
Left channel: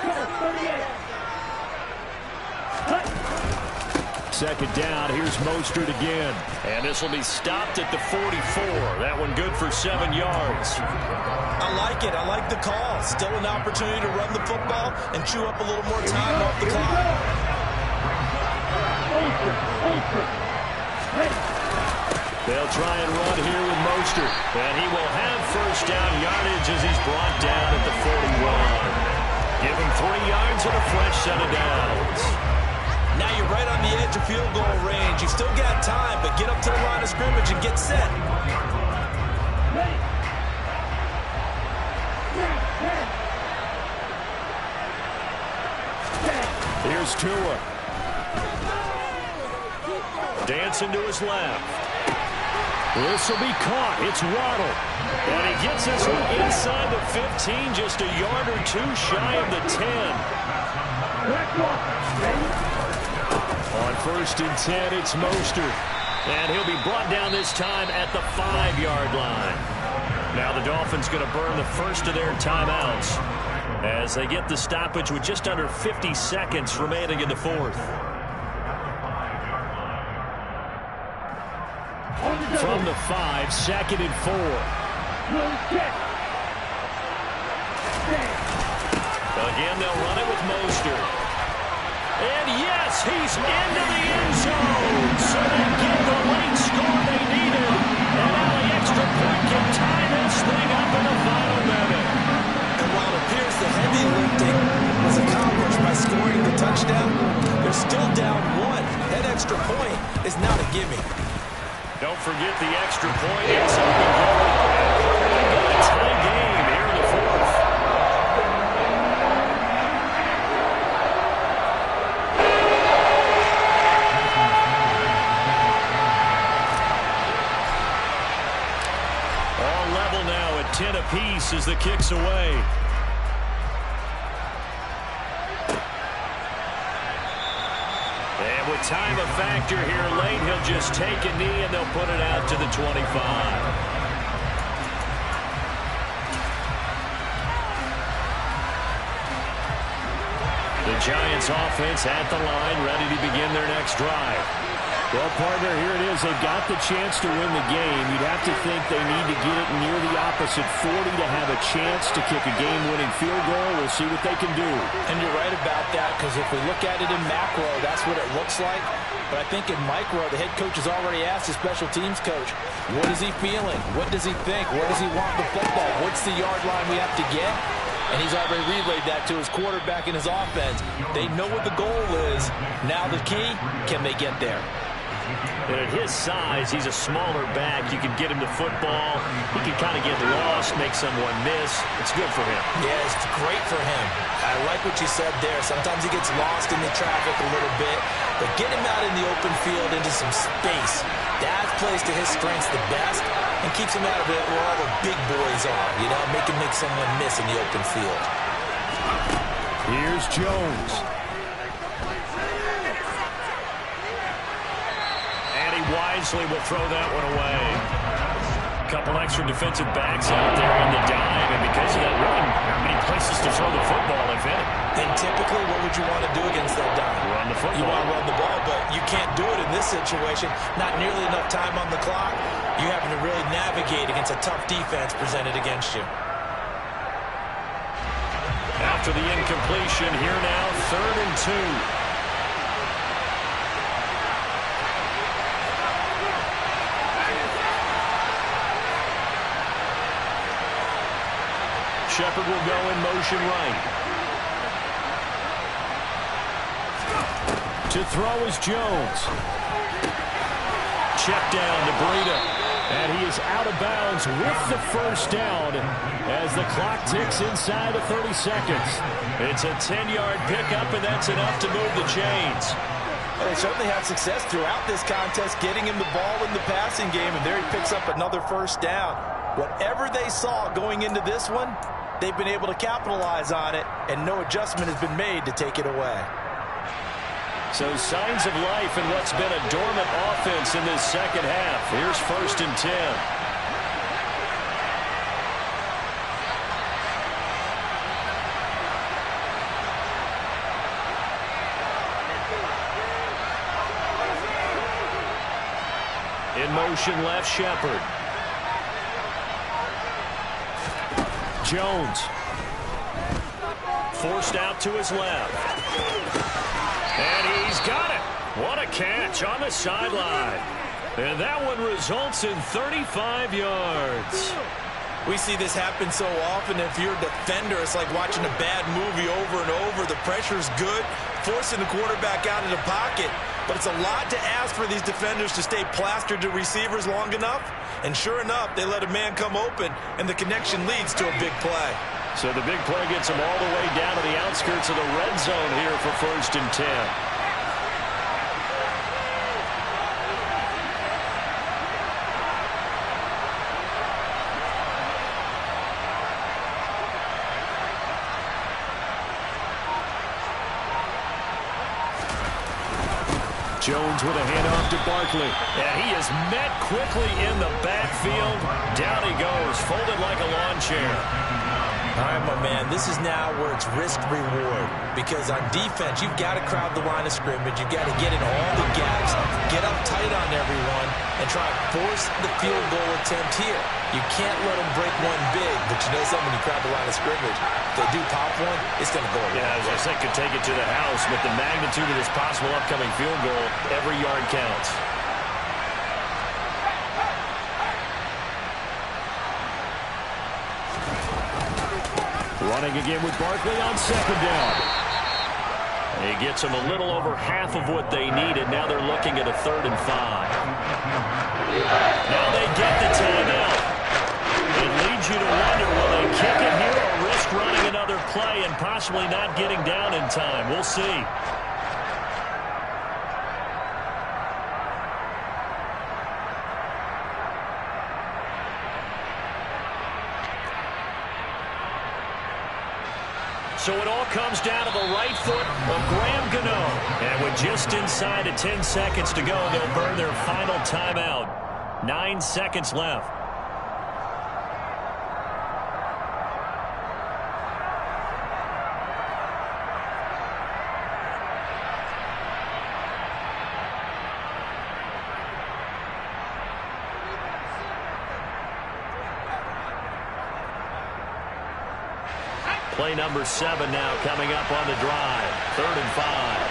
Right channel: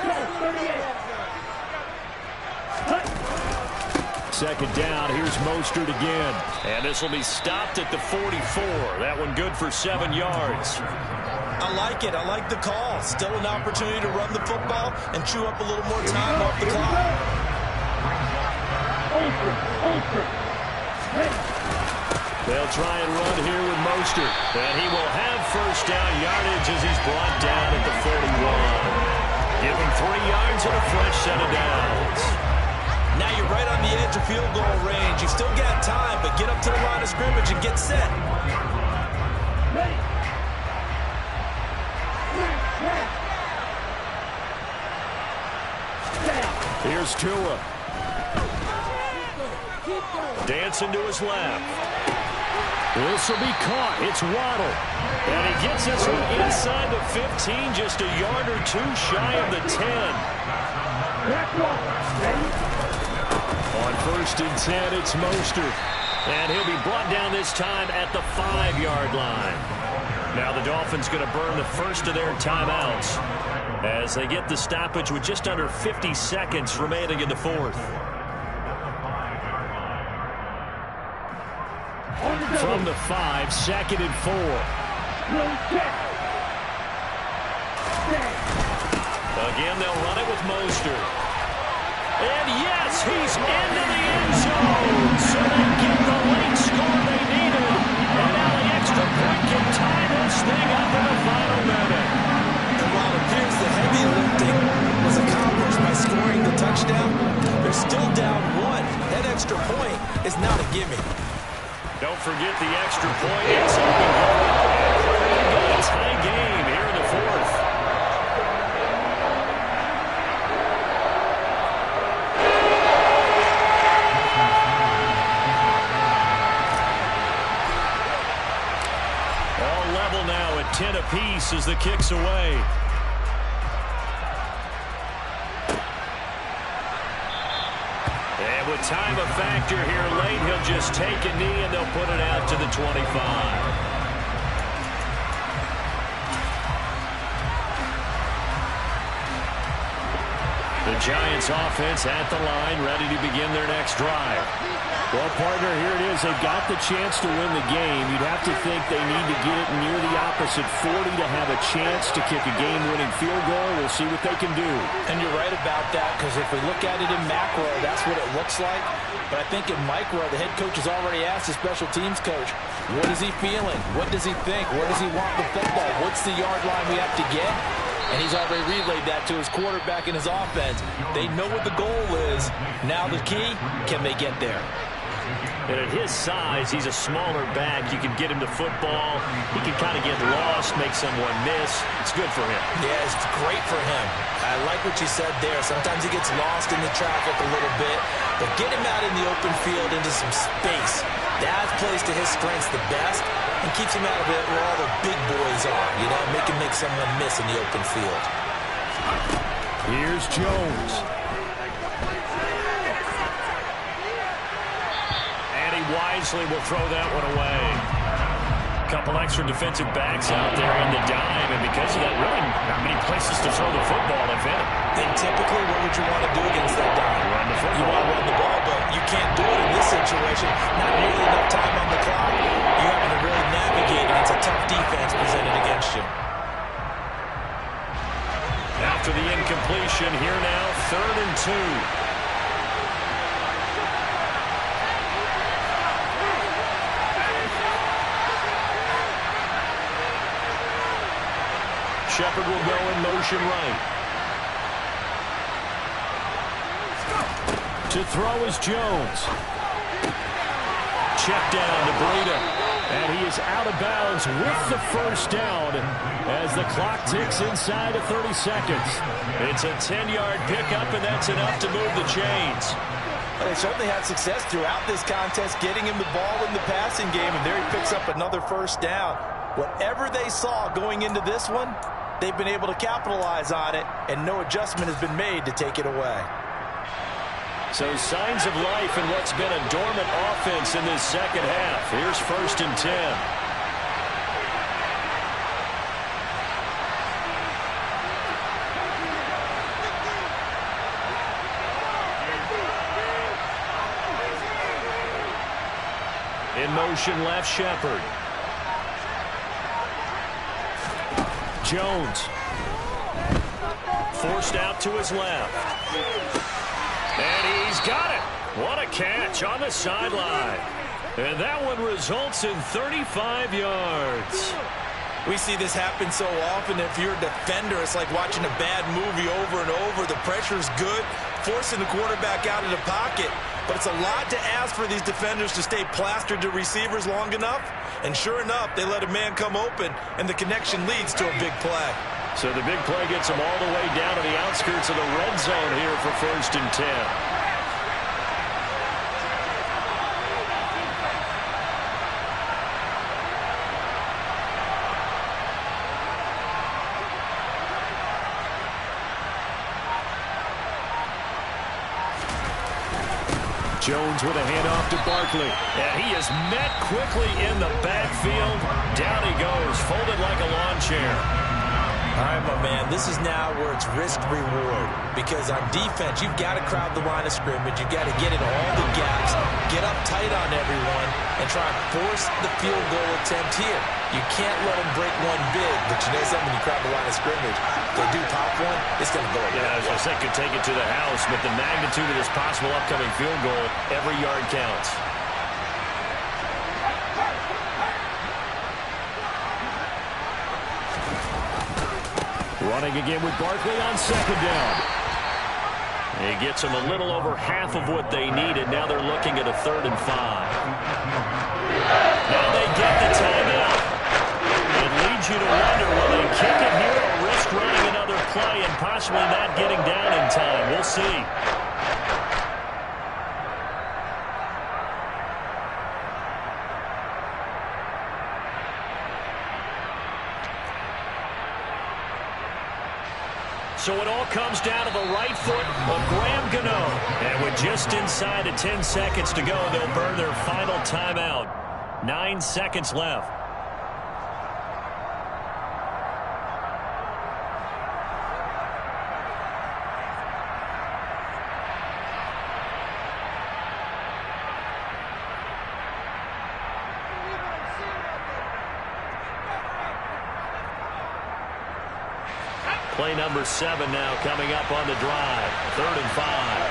Second down, here's Mostert again. And this will be stopped at the 44. That one good for 7 yards. I like it. I like the call. Still an opportunity to run the football and chew up a little more time off the clock. They'll try and run here with Mostert. And he will have first down yardage as he's brought down at the 41. Give him 3 yards and a fresh set of downs. Now you're right on the edge of field goal range. You've still got time, but get up to the line of scrimmage and get set. Here's Tua. Dancing to his left. This will be caught. It's Waddle. And he gets this one inside the 15, just a yard or two shy of the 10. On first and 10, it's Mostert. And he'll be brought down this time at the 5-yard line. Now the Dolphins going to burn the first of their timeouts as they get the stoppage with just under 50 seconds remaining in the fourth. From the 5, 2nd and 4. Again, they'll run it with Mostert. And yes, he's into the end zone. So they get the late score they needed. And now the extra point can tie this thing up in the final minute. And while it appears the heavy lifting was accomplished by scoring the touchdown, they're still down 1. That extra point is not a gimme. Don't forget the extra point. It's up and going. And we've got a tie game here in the fourth. All level now at 10 apiece as the kick's away. And with time a factor here late, he'll just take a knee and they'll put it out to the 25. The Giants offense at the line, ready to begin their next drive. Well, partner, here it is. They've got the chance to win the game. You'd have to think they need to get it near the opposite 40 to have a chance to kick a game-winning field goal. We'll see what they can do. And you're right about that, because if we look at it in macro, that's what it looks like. But I think in micro, the head coach has already asked the special teams coach, what is he feeling? What does he think? Where does he want the football? What's the yard line we have to get? And he's already relayed that to his quarterback and his offense. They know what the goal is. Now the key, can they get there? And at his size, he's a smaller back. You can get him the football. He can kind of get lost, make someone miss. It's good for him. Yeah, it's great for him. I like what you said there. Sometimes he gets lost in the traffic a little bit. But get him out in the open field into some space. That plays to his strengths the best and keeps him out of it where all the big boys are. You know, make him make someone miss in the open field. Here's Jones. And he wisely will throw that one away. A couple extra defensive backs out there in the dime, and because of that, really not many places to throw the football, if any. And typically, what would you want to do against that dime? Run the football. You want to run the ball, but you can't do it in this situation. Not nearly enough time on the clock. You having to really navigate against a tough defense presented against you. After the incompletion, here now, 3rd and 2. Shepard will go in motion right. To throw is Jones. Check down to Breida. And he is out of bounds with the first down as the clock ticks inside of 30 seconds. It's a 10-yard pickup, and that's enough to move the chains. Well, they certainly had success throughout this contest getting him the ball in the passing game, and there he picks up another first down. Whatever they saw going into this one, they've been able to capitalize on it, and no adjustment has been made to take it away. So signs of life in what's been a dormant offense in this second half. Here's 1st and 10. In motion left, Shepard. Jones. Forced out to his left. And he's got it. What a catch on the sideline. And that one results in 35 yards. We see this happen so often. If you're a defender, it's like watching a bad movie over and over. The pressure's good, forcing the quarterback out of the pocket. But it's a lot to ask for these defenders to stay plastered to receivers long enough. And sure enough, they let a man come open, and the connection leads to a big play. So the big play gets them all the way down to the outskirts of the red zone here for 1st and 10. Jones with a handoff to Barkley. And he is met quickly in the backfield. Down he goes, folded like a lawn chair. All right, my man, this is now where it's risk-reward. Because on defense, you've got to crowd the line of scrimmage. You've got to get in all the gaps, get up tight on everyone, and try and force the field goal attempt here. You can't let them break one big, but you know something, when you crowd the line of scrimmage, if they do pop one, it's going to go away. Yeah, as I said, could take it to the house, but the magnitude of this possible upcoming field goal, every yard counts. Running again with Barkley on 2nd down. He gets them a little over half of what they needed. Now they're looking at a 3rd and 5. Now they get the timeout. It leads you to wonder, will they kick it here or risk running another play and possibly not getting down in time? We'll see. So it all comes down to the right foot of Graham Gano. And with just inside of 10 seconds to go, they'll burn their final timeout. 9 seconds left. Play number 7 now coming up on the drive. 3rd and 5.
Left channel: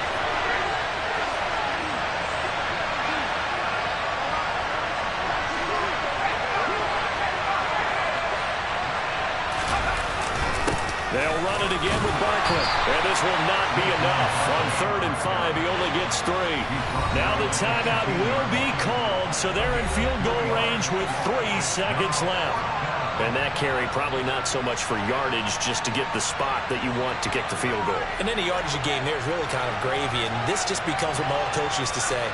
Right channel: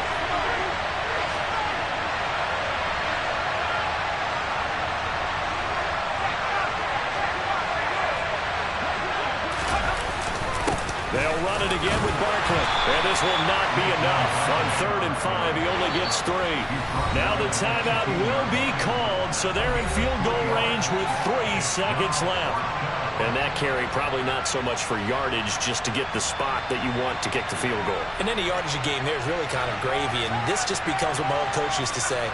They'll run it again with Barkley. And this will not be enough. On 3rd and 5, he only gets 3. Now the timeout will be called, so they're in field goal range with 3 seconds left. And that carry probably not so much for yardage, just to get the spot that you want to kick the field goal. And any yardage game there is really kind of gravy, and this just becomes what my old coach used to say.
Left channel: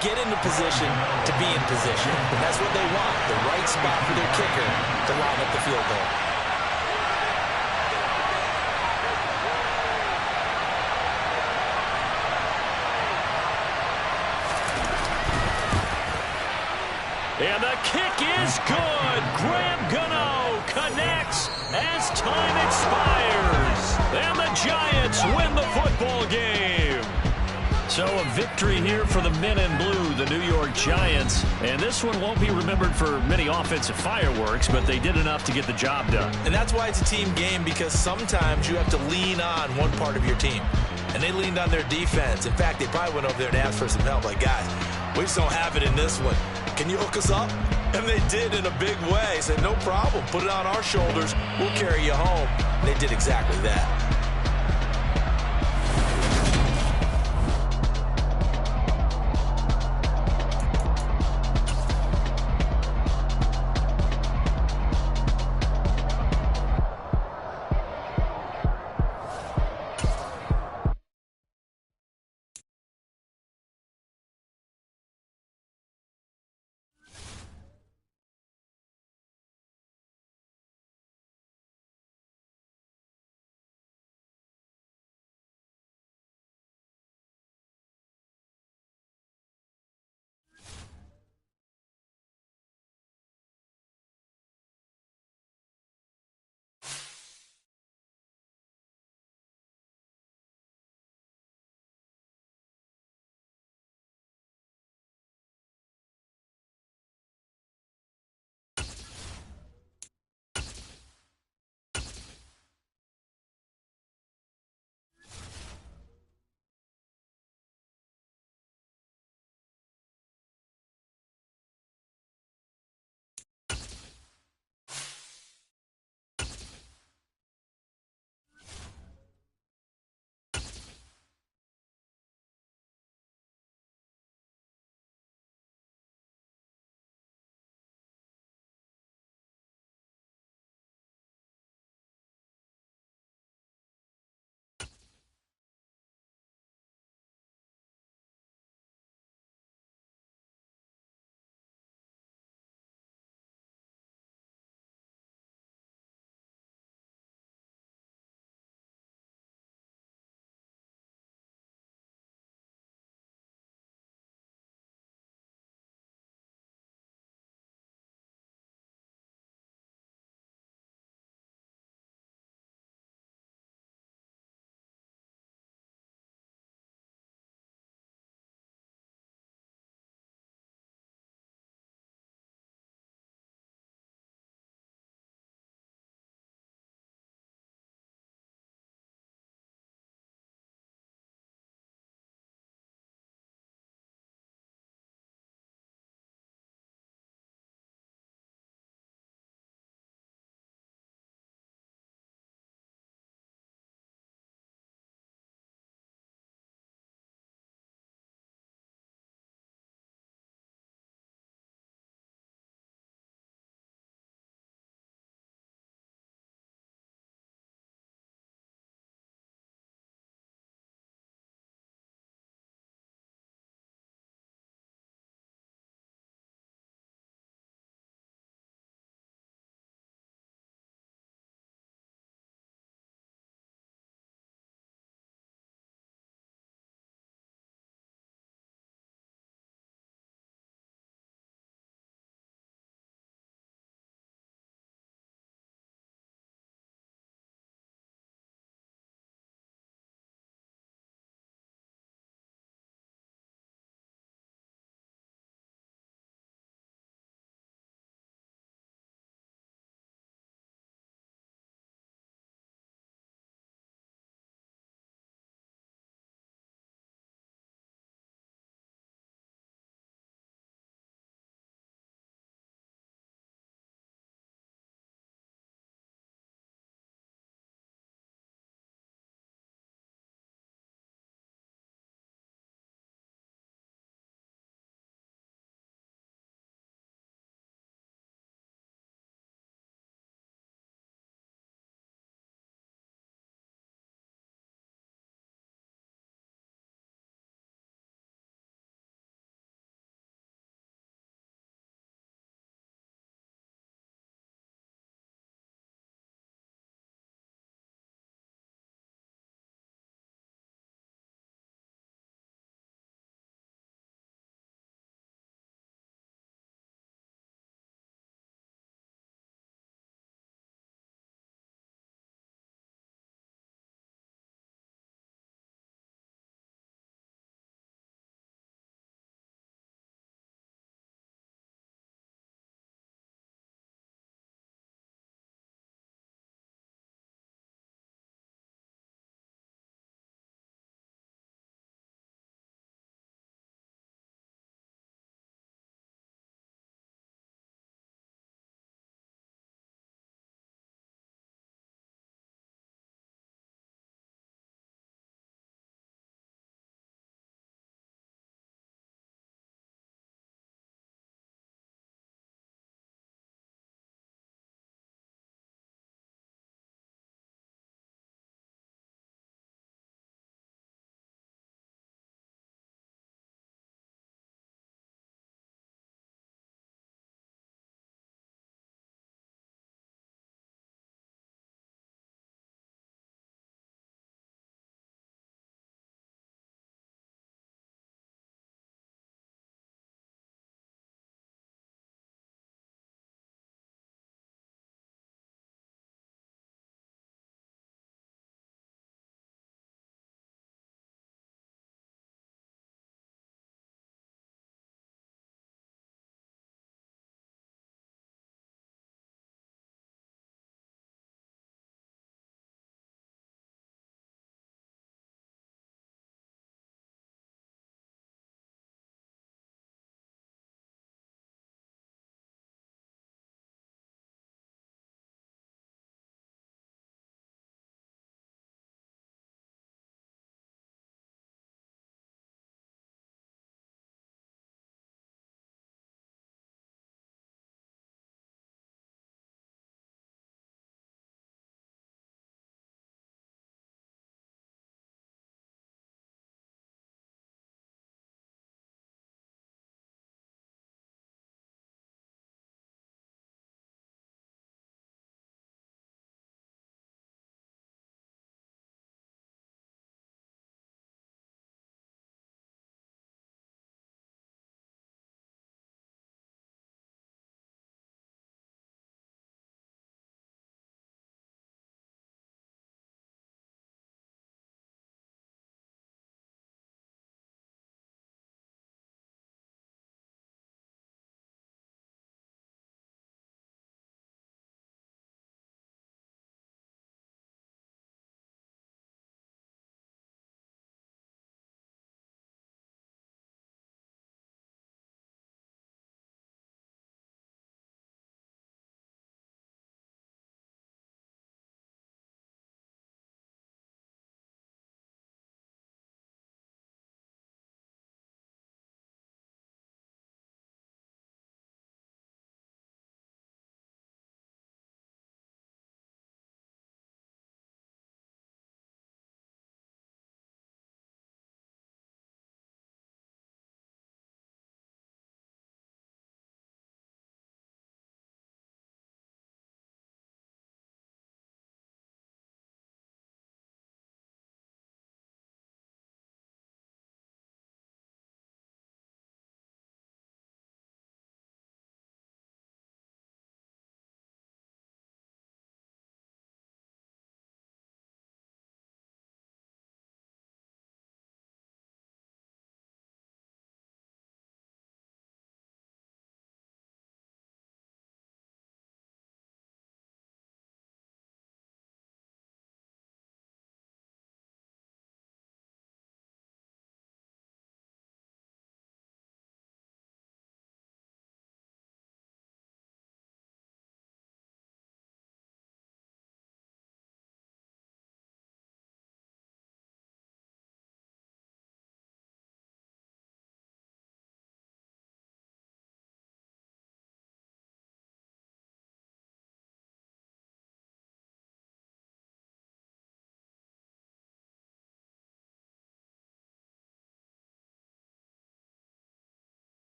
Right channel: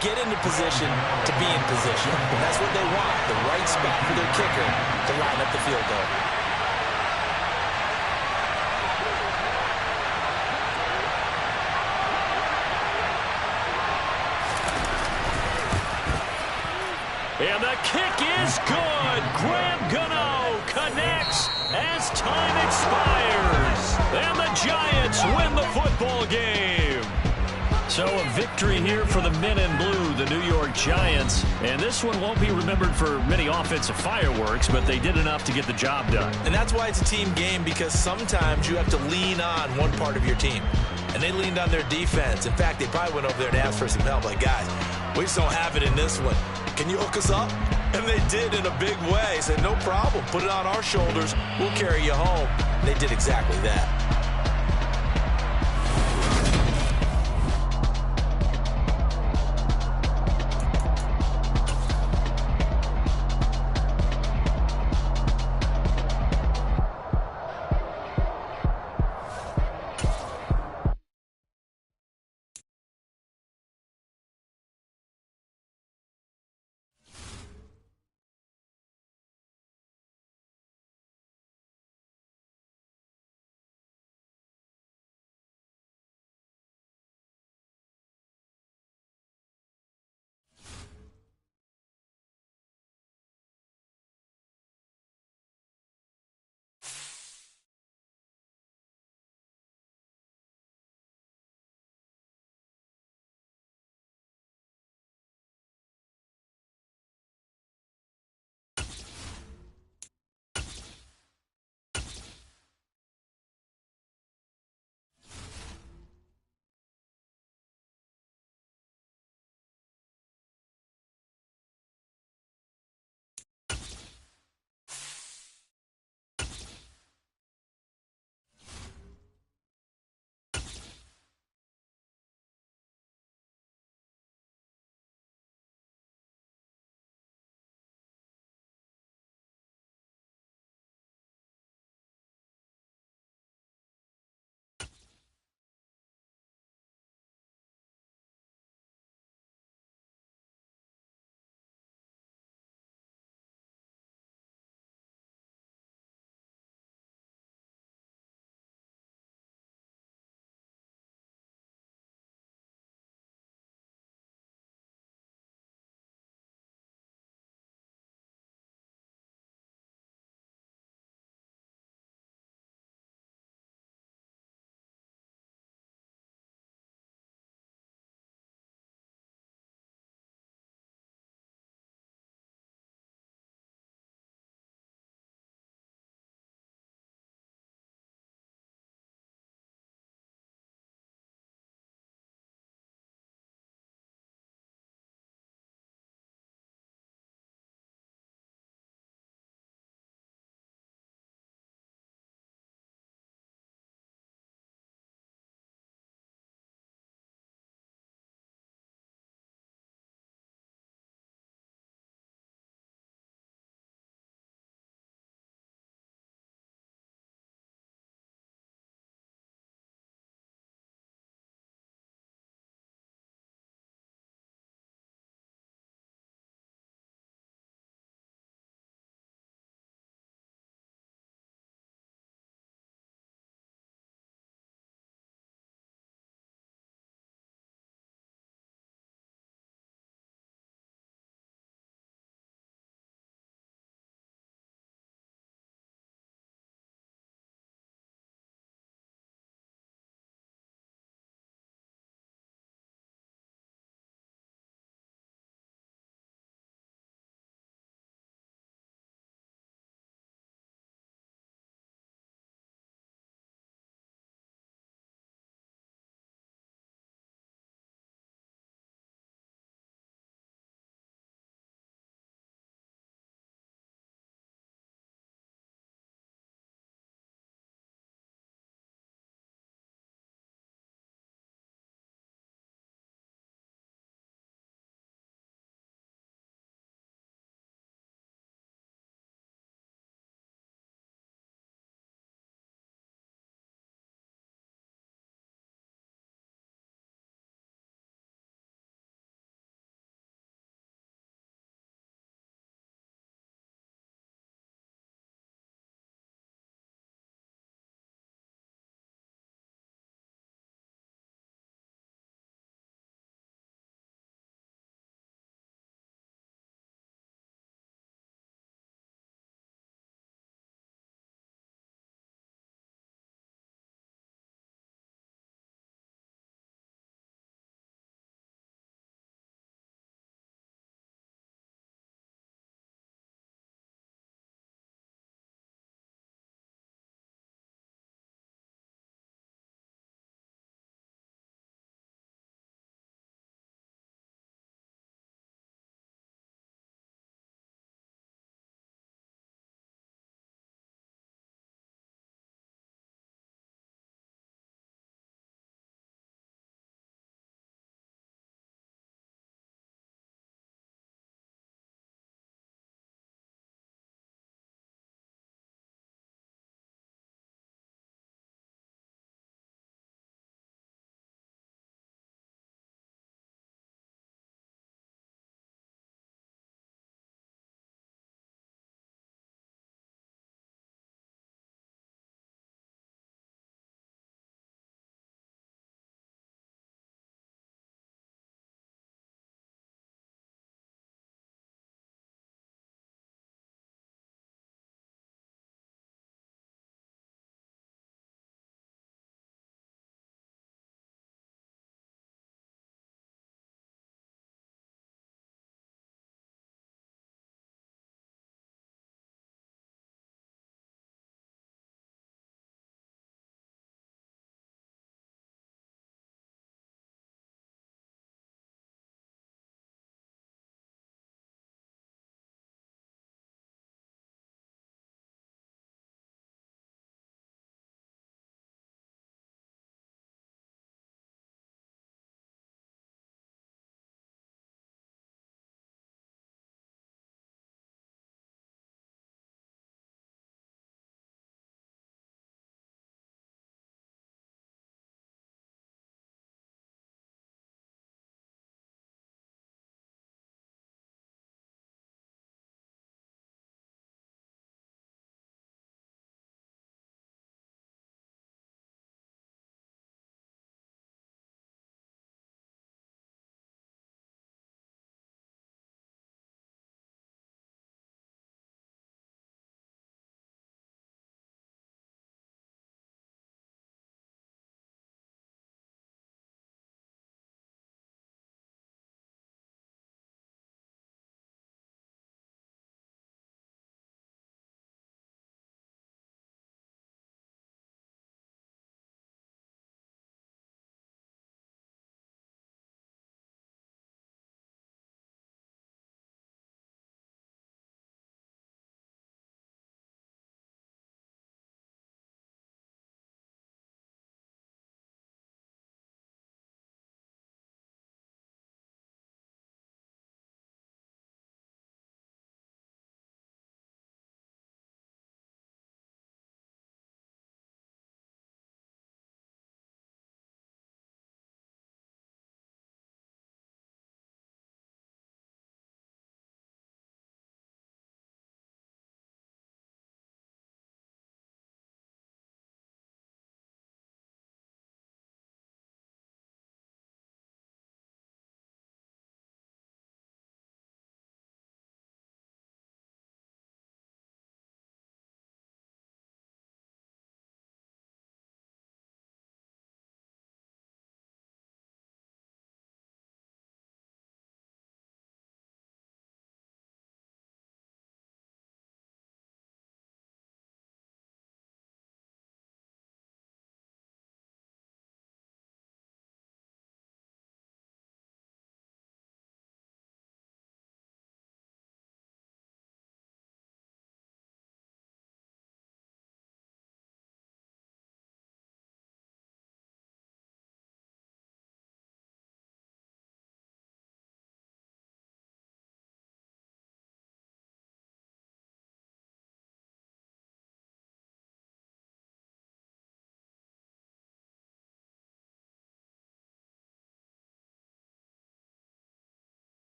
Get into position to be in position. And that's what they want, the right spot for their kicker to line up the field goal. And the kick is good. Graham Gano connects as time expires. And the Giants win the football game. So a victory here for the men in blue, the New York Giants. And this one won't be remembered for many offensive fireworks, but they did enough to get the job done. And that's why it's a team game, because sometimes you have to lean on one part of your team. And they leaned on their defense. In fact, they probably went over there and asked for some help. Like, guys, we just don't have it in this one. Can you hook us up? And they did in a big way. Said, no problem. Put it on our shoulders. We'll carry you home. And they did exactly that.